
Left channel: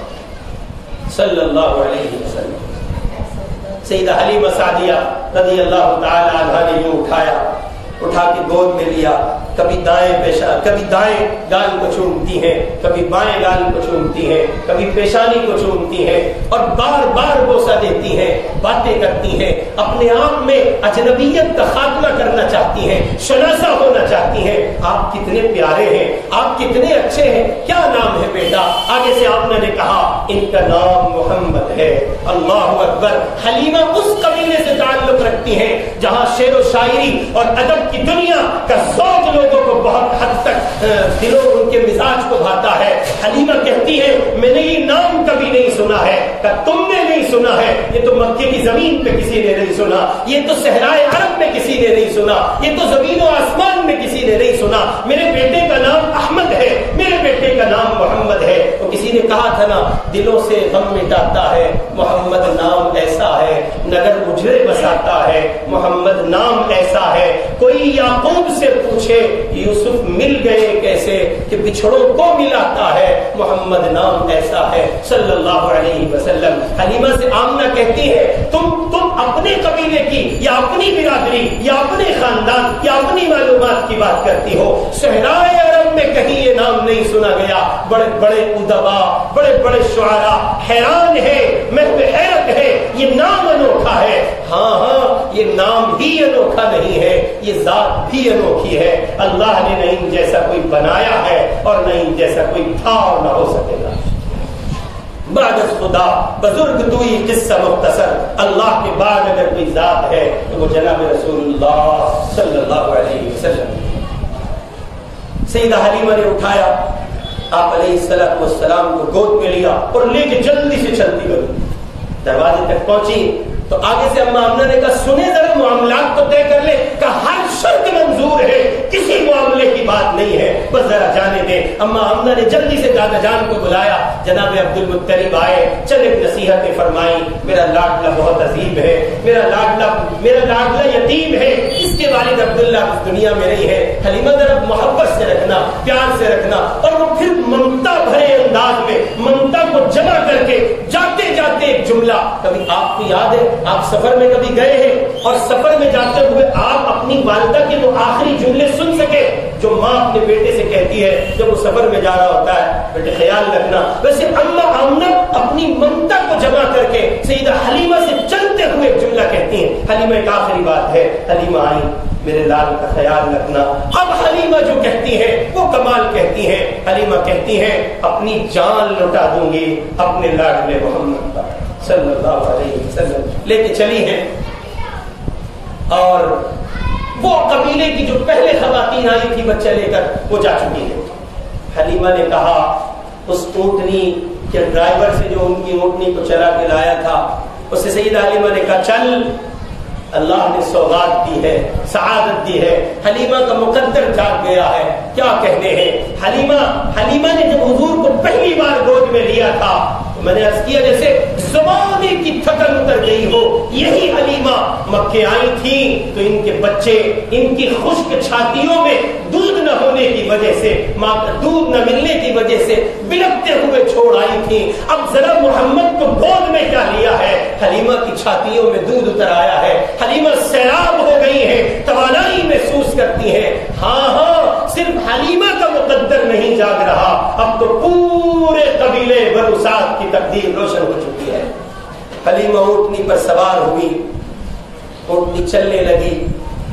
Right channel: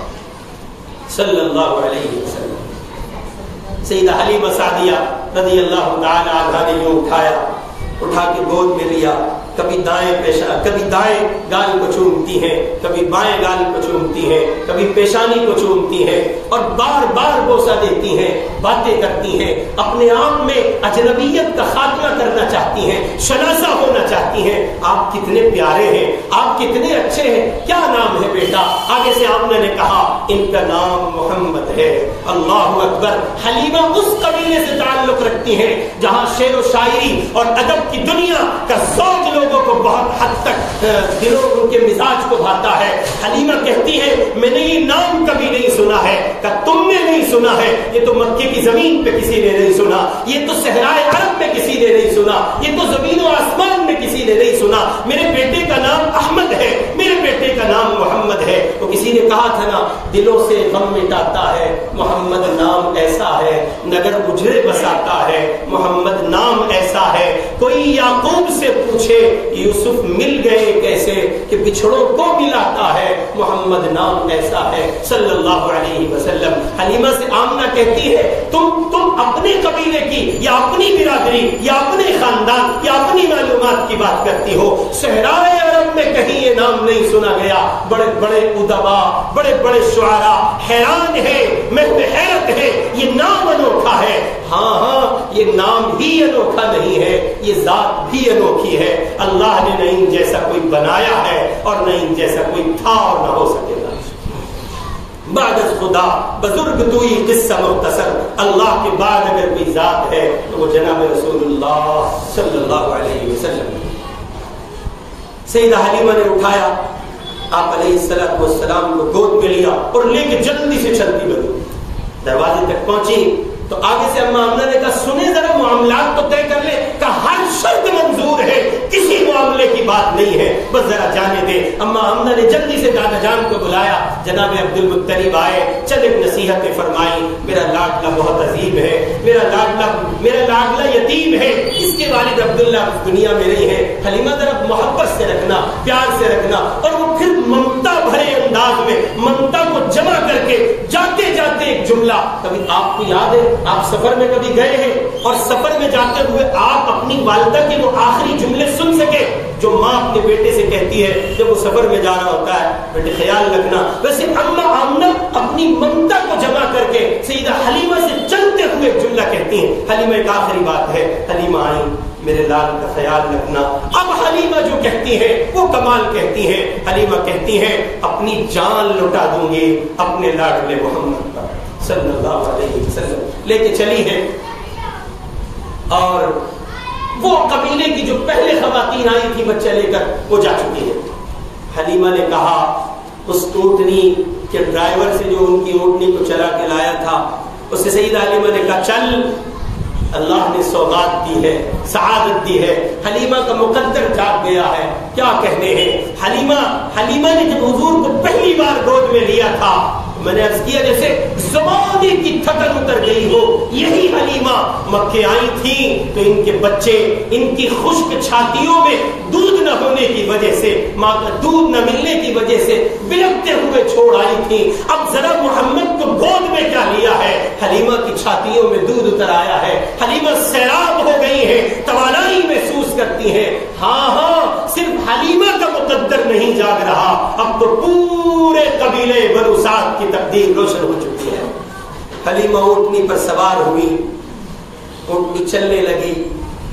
صلی اللہ علیہ وسلم۔ سیدہ حلیمہ سعدیہ رضی اللہ تعالی عنہا نے یوں اٹھا کے گود میں لیا، کبھی دائیں گال کو چومتی ہیں، کبھی بائیں گال کو چومتی ہیں، کبھی پیشانی کو چومتی ہیں اور بار بار بوسہ دیتی ہیں، باتیں کرتی ہیں، اپنے آپ میں اجنبیت کا خاتمہ کرنا چاہتی ہیں، شناسہ ہونا چاہتی ہیں۔ آپ کتنے پیارے ہیں، آپ کتنے اچھے ہیں، کیا نام ہے بیٹا؟ آگے سے آمنہ نے کہا ان کا نام محمد ہے۔ اللہ اکبر۔ حلیمہ اس قبیلے سے تعلق رکھتی ہیں جہاں شعر و شاعری اور ادب کی دنیا کا ذوق لوگوں کو بہت حد تک دلوں ان کے مزاج کو بھاتا ہے۔ حلیمہ کہتی ہے میں نے یہ نام کبھی نہیں سنا ہے، کہ تم نے نہیں سنا ہے، یہ تو مکے کی زمین پہ کسی نے نہیں سنا، یہ تو صحرائے عرب میں کسی نے نہیں سنا، یہ تو زمین و آسمان میں کسی نے نہیں سنا۔ میرے بیٹے کا نام احمد ہے، میرے بیٹے کا نام محمد ہے۔ تو کسی نے کہا تھا نا دلوں سے غم مٹاتا ہے محمد نام ایسا ہے، نگر اجڑے بساتا ہے محمد نام ایسا ہے۔ کوئی یعقوب سے پوچھے یوسف مل گئے کیسے، کہ بچھڑوں کو ملاتا ہے محمد نام ایسا ہے صلی اللہ علیہ وسلم۔ حلیمہ سے آمنہ کہتی ہے تم اپنے قبیلے کی یا اپنی برادری یا اپنے خاندان یا اپنی معلومات کی بات کرتی ہو، صحرائے عرب میں کہیں یہ نام نہیں سنا گیا۔ بڑے بڑے ادبا، بڑے بڑے شعراء حیران ہے، محو حیرت ہے، یہ نام انوکھا ہے۔ ہاں یہ نام ہی انوکھا نہیں ہے، یہ ذات بھی انوکھی ہے۔ اللہ نے نہ ان جیسا کوئی بنایا ہے اور نہ ان جیسا کوئی تھا اور نہ ہو سکے گا۔ بعد از خدا بزرگ توئی قصہ مختصر، اللہ کے بعد اگر کوئی ذات ہے تو وہ جناب رسول اللہ صلی اللہ علیہ وسلم۔ سیدہ حلیمہ نے اٹھایا، آپ علیہ الصلوۃ والسلام کو گود میں لیا اور لے کے جلدی سے چلتی بنی، دروازے تک پہنچی تو آگے سے اما آمنہ نے کہا سنیں ذرا معاملات تو طے کر لیں، کہ ہر شرط منظور ہے، کسی معاملے کی بات نہیں ہے، بس ذرا جانے دیں۔ اما آمنہ نے جلدی سے دادا جان کو بلایا، جناب عبد المطلب آئے، چند ایک نصیحتیں فرمائی، میرا لاڈلا بہت عظیم ہے، میرا لاڈلا یتیم ہے، اس کے والد عبداللہ اس دنیا میں نہیں ہے، حلیمہ ذرا محبت سے رکھنا، پیار سے رکھنا۔ اور وہ پھر ممتا بھرے انداز میں ممتا کو جمع کر کے جاتے جاتے ایک جملہ، کبھی آپ کو یاد ہے آپ سفر میں کبھی گئے ہیں اور سفر میں جاتے ہوئے آپ اپنی والدہ کے وہ آخری جملے سن سکے جو ماں اپنے بیٹے سے کہتی ہے جب وہ سفر میں جا رہا ہوتا ہے، بیٹے خیال رکھنا۔ ویسے اما آمنہ اپنی ممتا کو جمع کر کے سیدہ حلیمہ سے چلتے ہوئے ایک جملہ کہتی ہیں۔ حلیمہ ایک آخری بات ہے، حلیمہ آئی میرے لال کا خیال رکھنا۔ اب حلیمہ جو کہتی ہے وہ کمال کہتی ہے، حلیمہ کہتی ہیں اپنی جان لٹا دوں گی اپنے لاڈلے محمد پر صلی اللہ علیہ وسلم۔ لے کے چلی ہے اور وہ قبیلے کی جو پہلے خواتین آئی تھی بچہ لے کر وہ جا چکی ہے۔ حلیمہ نے کہا اس اونٹنی کے ڈرائیور سے جو ان کی اونٹنی کو چلا کے لایا تھا اس سے سیدہ حلیمہ نے کہا چل، اللہ نے سوغات دی ہے، سعادت دی ہے، حلیمہ کا مقدر جاگ گیا ہے، کیا کہنے ہیں۔ حلیمہ نے جب حضور کو پہلی بار گود میں لیا تھا میں نے عرض کیا جیسے زمانے کی تھکن اتر گئی ہو، یہی حلیمہ مکے آئی تھی تو ان کے بچے ان کی خشک چھاتیوں میں دودھ نہ ہونے کی وجہ سے، ماں کا دودھ نہ ملنے کی وجہ سے بلکتے ہوئے چھوڑ آئی تھی۔ اب ذرا محمد کو گود میں کیا لیا ہے، حلیمہ کی چھاتیوں میں دودھ اتر آیا ہے، حلیمہ سیراب ہو گئی ہیں، توانائی محسوس کرتی ہیں۔ ہاں صرف صرف حلیمہ کا مقدر نہیں جاگ رہا، اب تو پورے قبیلے بنو سعد کی تقدیر روشن ہو چکی ہے۔ حلیمہ اونٹنی پر سوار ہوئی، اونٹنی چلنے لگی،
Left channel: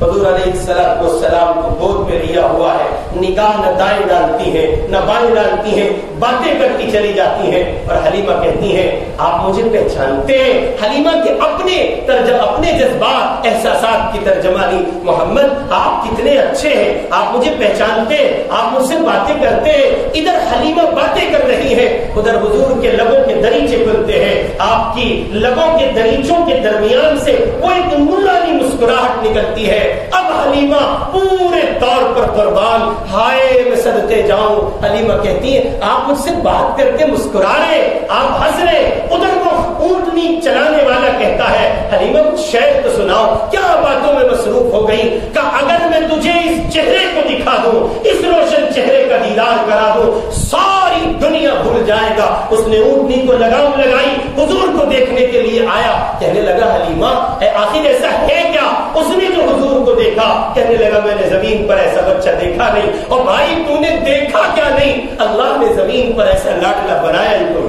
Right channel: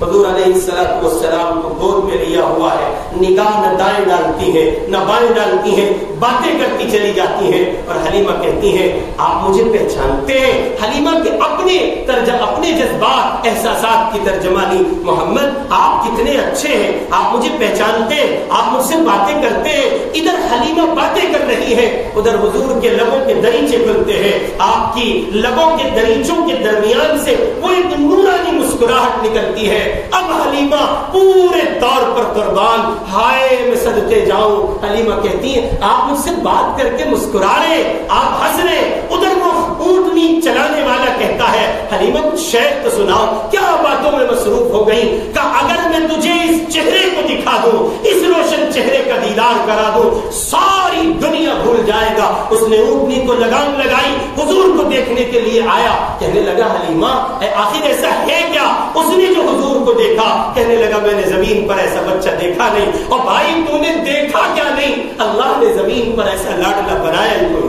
حضور علیہ السلام کو گود میں لیا ہوا ہے، نگاہ نہ دائیں ڈالتی ہے نہ بائیں ڈالتی ہیں، باتیں کرتی چلی جاتی ہیں۔ اور حلیمہ کہتی ہیں آپ مجھے پہچانتے ہیں؟ حلیمہ کے اپنے جذبات احساسات کی ترجمانی، محمد آپ کتنے اچھے ہیں، آپ مجھے پہچانتے ہیں، آپ مجھ سے باتیں کرتے ہیں۔ ادھر حلیمہ باتیں کر رہی ہے، ادھر حضور کے لبوں کے دریچے کھلتے ہیں، آپ کی لبوں کے دریچوں کے درمیان سے وہ ایک نورانی مسکراہٹ نکلتی ہے۔ اب حلیمہ پورے طور پر قربان، ہائے میں صدقے جاؤں۔ حلیمہ کہتی ہیں آپ مجھ سے بات کر کے مسکرا رہے، آپ ہنس رہے۔ ادھر وہ اونٹنی چلانے والا کہتا ہے حلیمہ کچھ شعر تو سناؤ، کیا باتوں میں مصروف ہو گئی؟ کہ اگر میں تجھے اس چہرے کو دکھا دوں، اس روشن چہرے کا دیدار کرا دوں، ساری دنیا بھول جائے گا۔ اس نے اونٹنی کو لگام لگائی، حضور کو دیکھنے کے لیے آیا، کہنے لگا حلیمہ آخر ایسا ہے کیا؟ اس نے جو حضور کو دیکھا کہنے لگا میں نے زمین پر ایسا بچہ دیکھا نہیں۔ اور بھائی تو نے دیکھا کیا نہیں، اللہ نے زمین پر ایسا لاڈلا بنایا ہی کوئی۔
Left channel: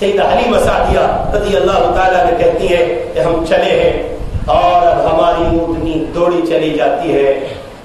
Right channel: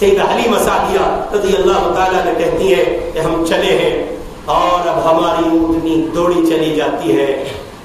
سیدہ حلیمہ سعدیہ رضی اللہ تعالیٰ نے کہتی ہیں کہ ہم چلے ہیں اور اب ہماری اونٹنی دوڑی چلی جاتی ہے،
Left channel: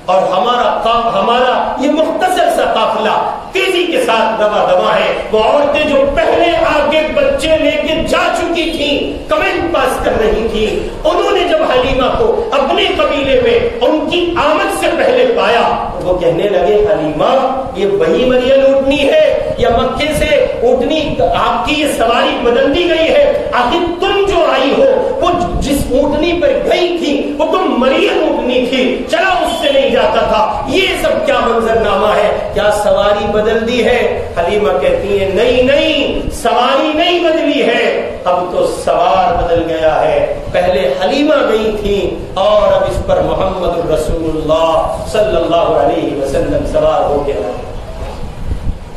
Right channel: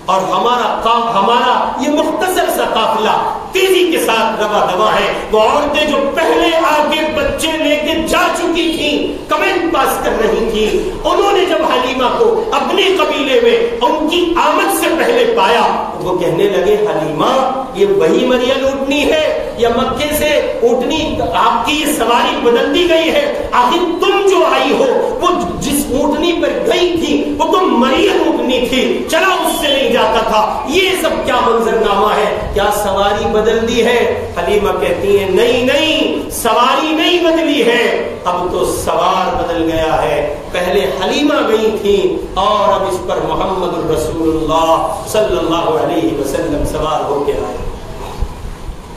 اور ہمارا یہ مختصر سا قافلہ تیزی کے ساتھ رواں دواں ہے۔ وہ عورتیں جو پہلے آگے بچے لے کے جا چکی تھیں، کمنٹ پاس کر رہی تھیں، انہوں نے جب حلیمہ کو اپنے قبیلے میں ان کی آمد سے پہلے پایا تو وہ کہنے لگے حلیمہ یہ وہی مریم اونٹنی ہے یا مکے سے اونٹنی آپ کی یہ سواری بدل دی گئی ہے؟ آخر تم جو آئی ہو وہ جس اونٹنی پر گئی تھی وہ تو مریم اونٹنی تھی، چلا اس سے نہیں جاتا تھا، یہ سب کیا منظرنامہ ہے؟ کیا سواری بدل دی ہے؟ حلیمہ کہتی ہیں نہیں، سواری نہیں بدلی ہے، اب تو سوار بدل گیا ہے۔ پہلے حلیمہ گئی تھی اور اب اس پر محمد رسول اللہ صلی اللہ علیہ وسلم سوار ہو کے آئے۔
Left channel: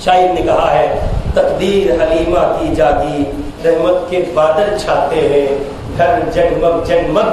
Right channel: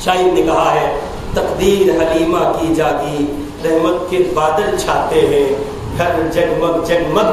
شاعر نے کہا ہے تقدیر حلیمہ کی جاگی، رحمت کے بادل چھاتے ہیں، گھر جگمگ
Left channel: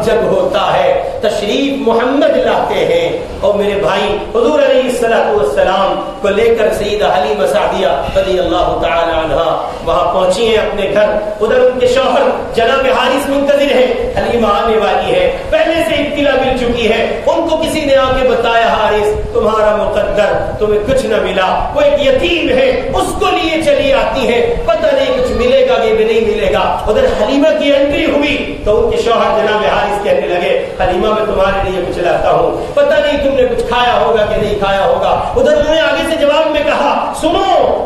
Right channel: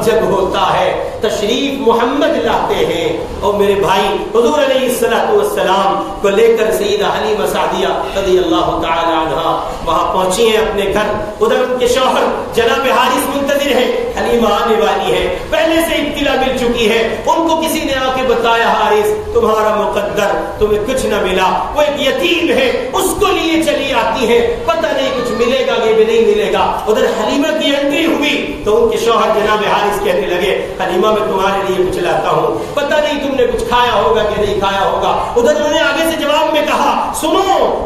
جگ ہوتا ہے، تشریف محمد لاتے ہیں۔ اور میرے بھائی حضور علیہ السلام کو لے کر سیدہ حلیمہ سعدیہ رضی اللہ تعالی عنہا وہاں پہنچی ہیں اپنے گھر۔ ادھر ان کے شوہر جناب حارث منتظر ہیں، حلیمہ آنے والی ہے، پہلے سے اطلاع مل چکی ہے۔ ان کو کسی نے آ کے بتایا حارث تمہارا مقدر، تمہیں کچھ نہ ملا، وہ ایک یتیم ہے، اس کو لیے چلی آتی ہے، پتہ نہیں کچھ ملے گا کہ نہیں ملے گا۔ ادھر حلیمہ کی انٹری ہوئی تو ان کے شوہر جناب حارث کہنے لگے حلیمہ میں تمہارے لیے کچھ لاتا ہوں، پتہ نہیں تم نے کچھ کھایا ہوگا کہ نہیں کھایا ہوگا۔ ادھر انہوں نے آگے سے جواب میں کہا سنو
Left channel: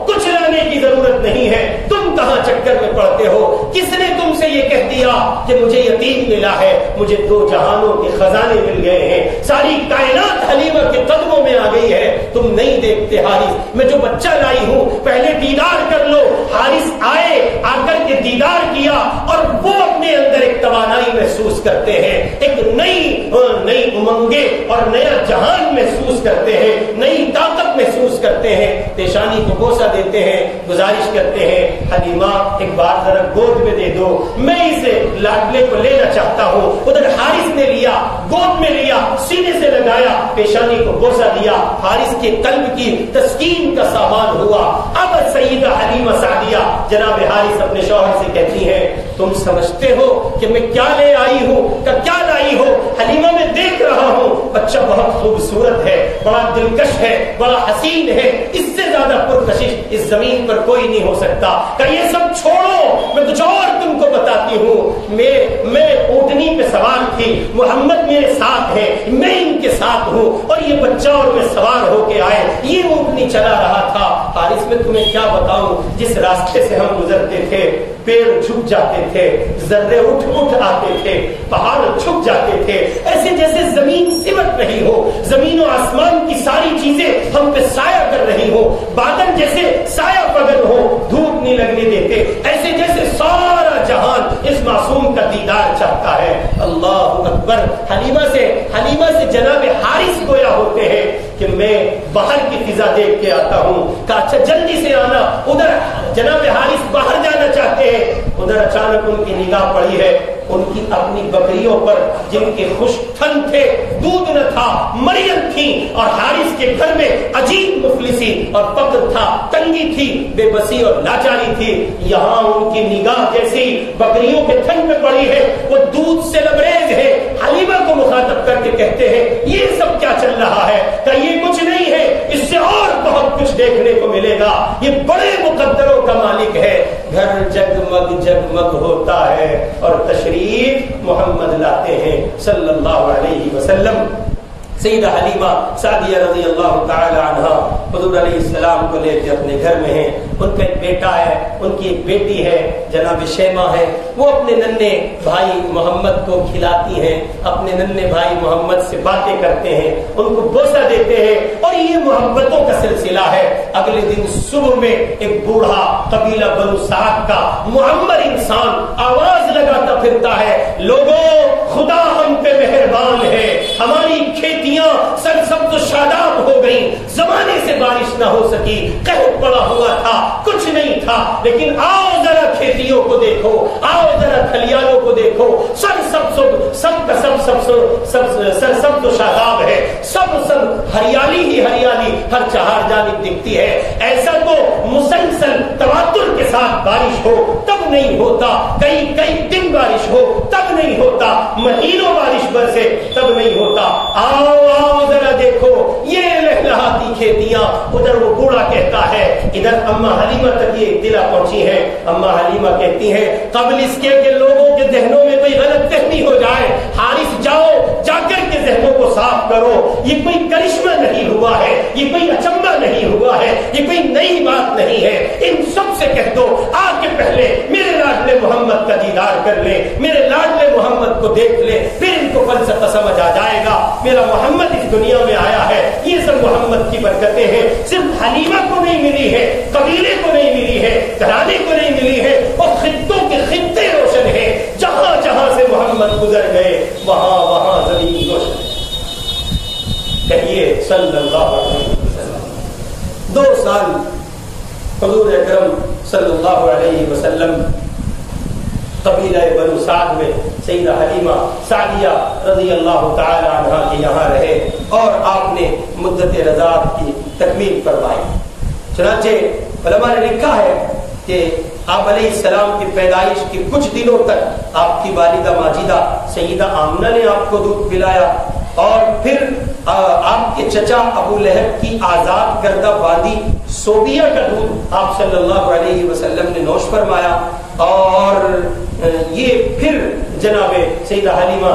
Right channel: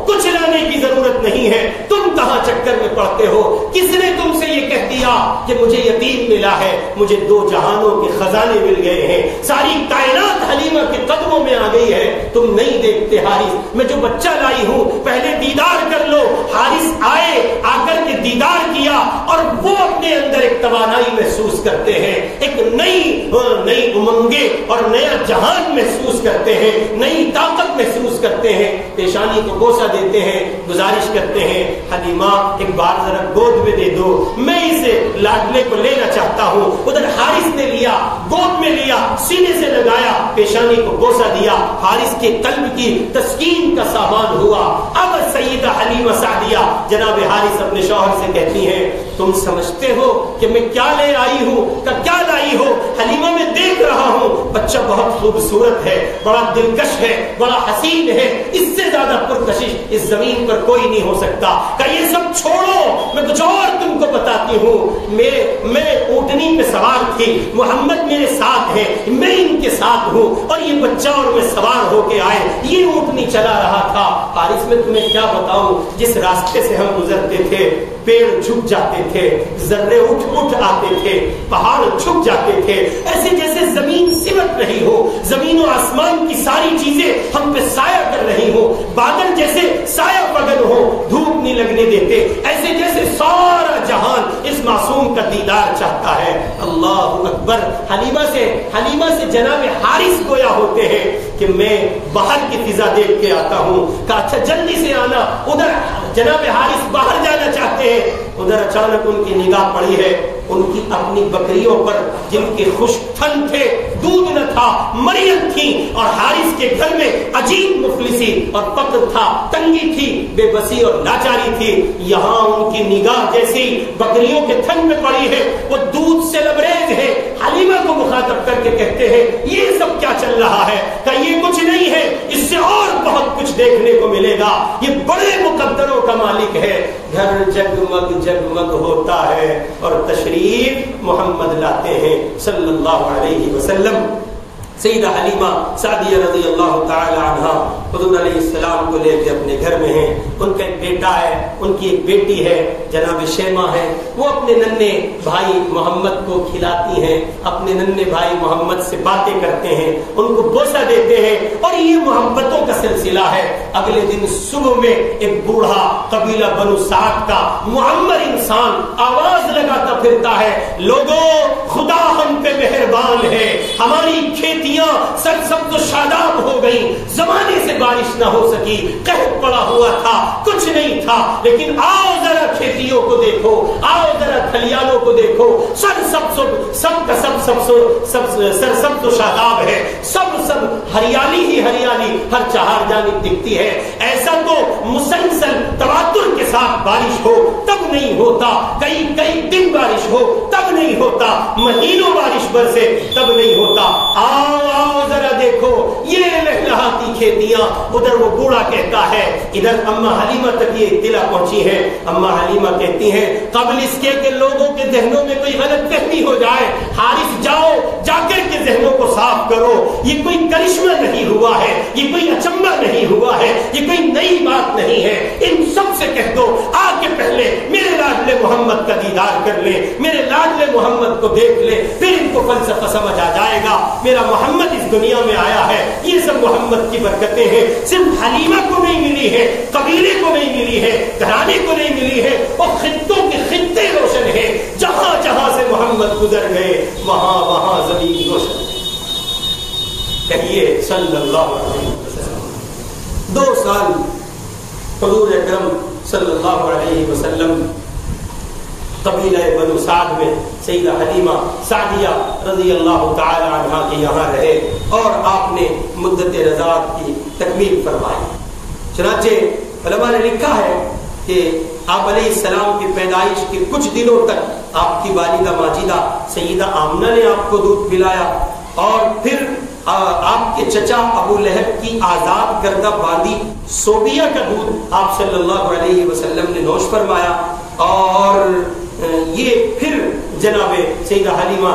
کچھ لانے کی ضرورت نہیں ہے، تم کہاں چکر میں پڑتے ہو؟ کس نے تم سے یہ کہہ دیا کہ مجھے یتیم ملا ہے؟ مجھے دو جہانوں کے خزانے مل گئے ہیں، ساری کائنات حلیمہ کے قدموں میں آ گئی ہے، تم نہیں دیکھتے حارث میں جو بچہ لائی ہوں پہلے دیدار کر لو۔ حارث آئے، آ کر کے دیدار کیا اور وہ اپنے اندر ایک توانائی محسوس کرتے ہیں، ایک نئی امنگیں اور نیا جہان محسوس کرتے ہیں، نئی طاقت محسوس کرتے ہیں، پیشانی کو بوسہ دیتے ہیں، گزارش کرتے ہیں حلیمہ ایک بار ذرا گود میں دے دو، میں اسے لاڈلے کو لینا چاہتا ہوں۔ ادھر حارث نے لیا، گود میں لیا، سینے سے لگایا، پیشانی کو بوسہ دیا، حارث کے قلب کی تسکین کا سامان ہوا۔ اب سیدہ حلیمہ سعدیہ جناب حارث اپنے شوہر سے کہتی ہیں تم سمجھتے ہو کہ میں کیا لے آئی ہوں؟ کیا لائی ہو؟ حلیمہ میں دیکھ رہا ہوں بچہ بہت خوبصورت ہے، بڑا دلکش ہے، بڑا حسین ہے، اس سے زیادہ پرکشش اس زمین پر کوئی نہیں ہو سکتا۔ کہ یہ سب چھوڑو، میں کچھ اور تم کو بتاتی ہوں۔ میں اونٹنی پہ سوار تھی، محمد میرے ساتھ ہے، میں ان کے ساتھ ہوں، اور یہ بچہ اور میں سوار ہو کے آئے، یہ اونٹنی چلا رہا تھا۔ حارث میں تمہیں کیا بتاؤں، جس راستے سے ہم گزرتے تھے پیڑ جھک جاتے تھے، ذرے اٹھ آتے تھے، پہاڑ جھک جاتے تھے، ایسے جیسے زمین سمٹ رہی ہو، زمین و آسمان کی ساری چیزیں ہم پہ سایہ کر رہی ہو، بادل جیسے سایہ پگل ہو، دھوپ نہیں لگنے دیتے، ایسے جیسے سارا جہان اس معصوم کا دیدار چاہتا ہے۔ اللہ اکبر۔ حلیمہ سے جناب حارث گویا ہوتے ہیں کہ میں باہر کی فضا دیکھ کے آتا ہوں، کہ اچھا جلدی سے آنا۔ ادھر جناب حارث باہر جانا چاہتے ہیں، ادھر اچانک ان کی نگاہ پڑی ہے ان کی اپنی بکریوں پر جن کے خشک تھن تھے، دودھ نہ تھا، مریم تھی، اور حارث کے گھر میں عجیب مفلسی اور فقر تھا، تنگی تھی، بے بسی اور لاچاری تھی، یہاں ان کی نگاہ جیسی بکریوں کے تھن میں پڑی ہے، وہ دودھ سے لبریز ہے۔ حلیمہ کو مخاطب کر کے کہتے ہیں یہ سب کیا چل رہا ہے؟ کہ یہ کچھ نہیں ہے، اس سے اور بہت کچھ دیکھنے کو ملے گا، یہ بڑے مقدروں کا مالک ہے۔ گھر جگمگ جگمگ ہوتا ہے اور تشریف محمد لاتے ہیں صلی اللہ علیہ وسلم۔ سیدہ حلیمہ سعدیہ رضی اللہ تعالی عنہ حضور علیہ السلام کو لے کے اپنے گھر میں ہیں، ان کا ایک بیٹا ہے، ان کی ایک بیٹی ہے جناب شیمہ ہے، وہ اپنے ننھے بھائی محمد کو کھلاتی ہیں، اپنے ننھے بھائی محمد سے باتیں کرتے ہیں، ان کو بوسہ دیتے ہیں، اور یہ محبتوں کا سلسلہ ہے۔ اگلے دن صبح میں ایک بوڑھا قبیلہ بنو سعد کا معمر انسان آواز لگاتا پھرتا ہے، لوگوں خدا ہم پہ مہربان ہے، ہماری کھیتی سرسبز و شاداب ہو گئی، زمانے سے بارش نہ ہو سکی، قحط پڑا ہوا تھا، کچھ نہیں تھا، لیکن آؤ ذرا کھیتیوں کو دیکھو، آؤ ذرا کھلیانوں کو دیکھو، سرسبز و شاداب ہے، سب ہریالی ہی ہریالی ہر چہار جانب دکھتی ہے۔ ایسا تو مسلسل تواتر کے ساتھ بارش ہو تب نہیں ہوتا، کئی دن بارش ہو تب نہیں ہوتا، مہینوں بارش برسے تب نہیں ہوتا، آؤ ذرا دیکھو یہ لہلہاتی کھیتیاں۔ ادھر وہ بوڑھا کہتا ہے، ادھر اما حلیمہ تک یہ اطلاع پہنچی ہے، اما حلیمہ کہتی ہیں قبل اس کے کہ لوگوں کے ذہنوں میں کوئی غلط فہمی ہو جائے، حارث جا کر کے ذہنوں کو صاف کرو، یہ کوئی کرشمہ نہیں ہوا ہے، یہ کوئی اچنبا نہیں ہوا ہے، یہ کوئی نئی بات نہیں ہے، ان سب سے کہہ دو آ کے پہلے میرے لاڈلے محمد کا دیدار کر لیں، میرے لاڈلے محمد کو دیکھ لیں، پھر ان کو فلسفہ سمجھ آ جائے گا۔ میرا محمد اس دنیا میں آیا ہے، یہ سب محمد کی برکتیں ہیں، صرف حلیمہ کو نہیں ملی ہے، قبیلے کو نہیں ملی ہے، گھرانے کو نہیں ملی ہے، اور خطوں کے خطے روشن ہیں، جہاں جہاں سے محمد گزر گئے وہاں زمین روشن۔ کہیے صلی اللہ علیہ وسلم 2 سال حضور اکرم صلی اللہ علیہ وسلم قبیلہ بنو سعد میں سیدہ حلیمہ سعدیہ رضی اللہ تعالی عنہ کے یہاں رہے، اور آپ نے مدت رضاعت کی تکمیل فرمائی۔ چنانچہ علماء نے لکھا ہے کہ آپ علیہ السلام کی پیدائش کے کچھ دنوں تک آپ کی والدہ ماجدہ سیدہ آمنہ نے آپ کو دودھ پلایا، اور پھر آپ کے چچا ابو لہب کی آزاد کردہ باندی صوبیہ کا دودھ آپ صلی اللہ علیہ وسلم نے نوش فرمایا، اور یہ پھر جناب سیدہ حلیمہ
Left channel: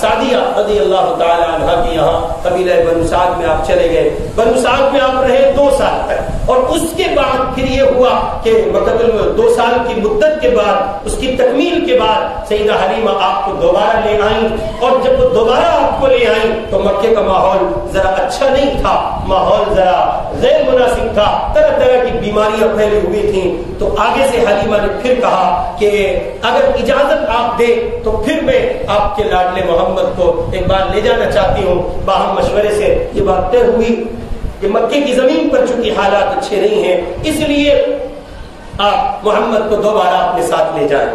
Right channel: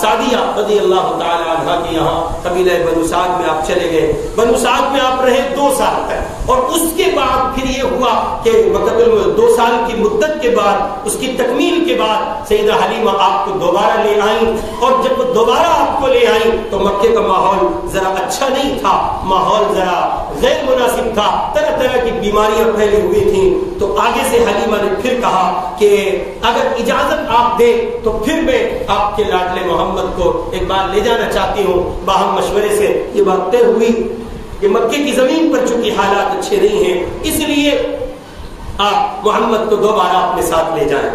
سعدیہ رضی اللہ تعالی عنہ کے یہاں قبیلہ بنو سعد میں آپ چلے گئے۔ بنو سعد میں آپ رہے 2 سال تک، اور اس کے بعد پھر یہ ہوا کہ مقدر 2 سال کی مدت کے بعد، اس کی تکمیل کے بعد سیدہ حلیمہ آپ کو دوبارہ لے آئیں، اور جب وہ دوبارہ آپ کو لے آئیں تو مکے کا ماحول ذرا اچھا نہیں تھا، ماحول ذرا غیر مناسب تھا، طرح طرح کی بیماریاں پھیلی ہوئی تھیں۔ تو آگے سے حلیمہ نے پھر کہا کہ اگر اجازت آپ دیں تو پھر میں آپ کے لاڈلے محمد کو ایک بار لے جانا چاہتی ہوں۔ باہم مشورے سے یہ بات طے ہوئی کہ مکے کی زمین پر چونکہ حالات اچھے نہیں ہیں، اس لیے آپ محمد کو دوبارہ اپنے ساتھ لے جائیں۔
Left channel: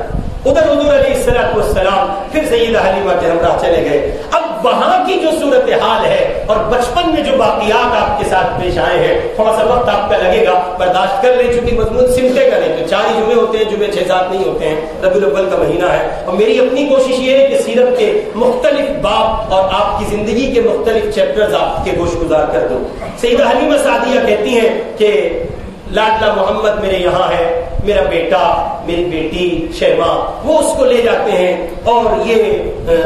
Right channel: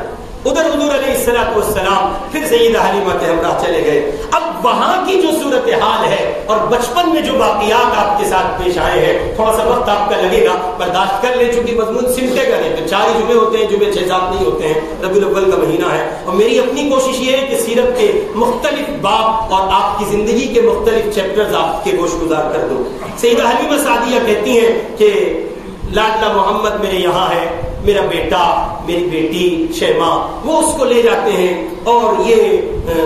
ادھر حضور علیہ السلام پھر سیدہ حلیمہ کے ہمراہ چلے گئے۔ اب وہاں کی جو صورتحال ہے اور بچپن میں جو واقعات آپ کے ساتھ پیش آئے ہیں، تھوڑا سا وقت آپ کا لگے گا، برداشت کر لیں، چونکہ مضمون سمٹے گا نہیں، تو 4 ہی جمعے ہوتے ہیں، جمعے 6-7 نہیں ہوتے ہیں، ربیع الاول کا مہینہ ہے، اور میری اپنی کوشش یہ ہے کہ سیرت کے مختلف باب اور آپ کی زندگی کے مختلف چیپٹرز آپ کے گوش گزار کر دوں۔ سیدہ حلیمہ سعدیہ کہتی ہیں کہ لاڈلا محمد میرے یہاں ہے، میرا بیٹا، میری بیٹی شیمہ، وہ اس کو لے جاتے ہیں، اور یہ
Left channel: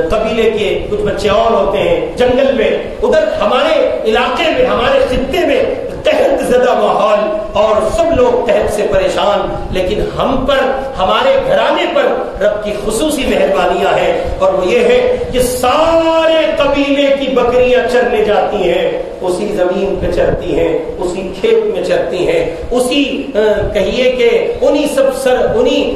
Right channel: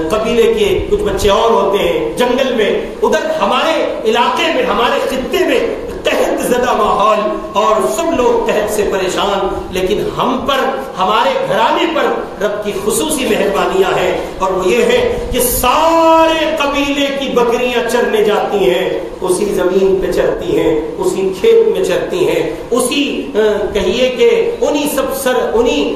قبیلے کے کچھ بچے اور ہوتے ہیں جنگل میں، ادھر ہمارے علاقے میں، ہمارے خطے میں قحط زدہ ماحول، اور سب لوگ قحط سے پریشان، لیکن ہم پر، ہمارے گھرانے پر رب کی خصوصی مہربانیاں ہیں، اور وہ یہ ہے کہ سارے قبیلے کی بکریاں چرنے جاتی ہیں، اسی زمین پہ چرتی ہیں، اسی کھیت میں چرتی ہیں، اسی کہیے کہ انہی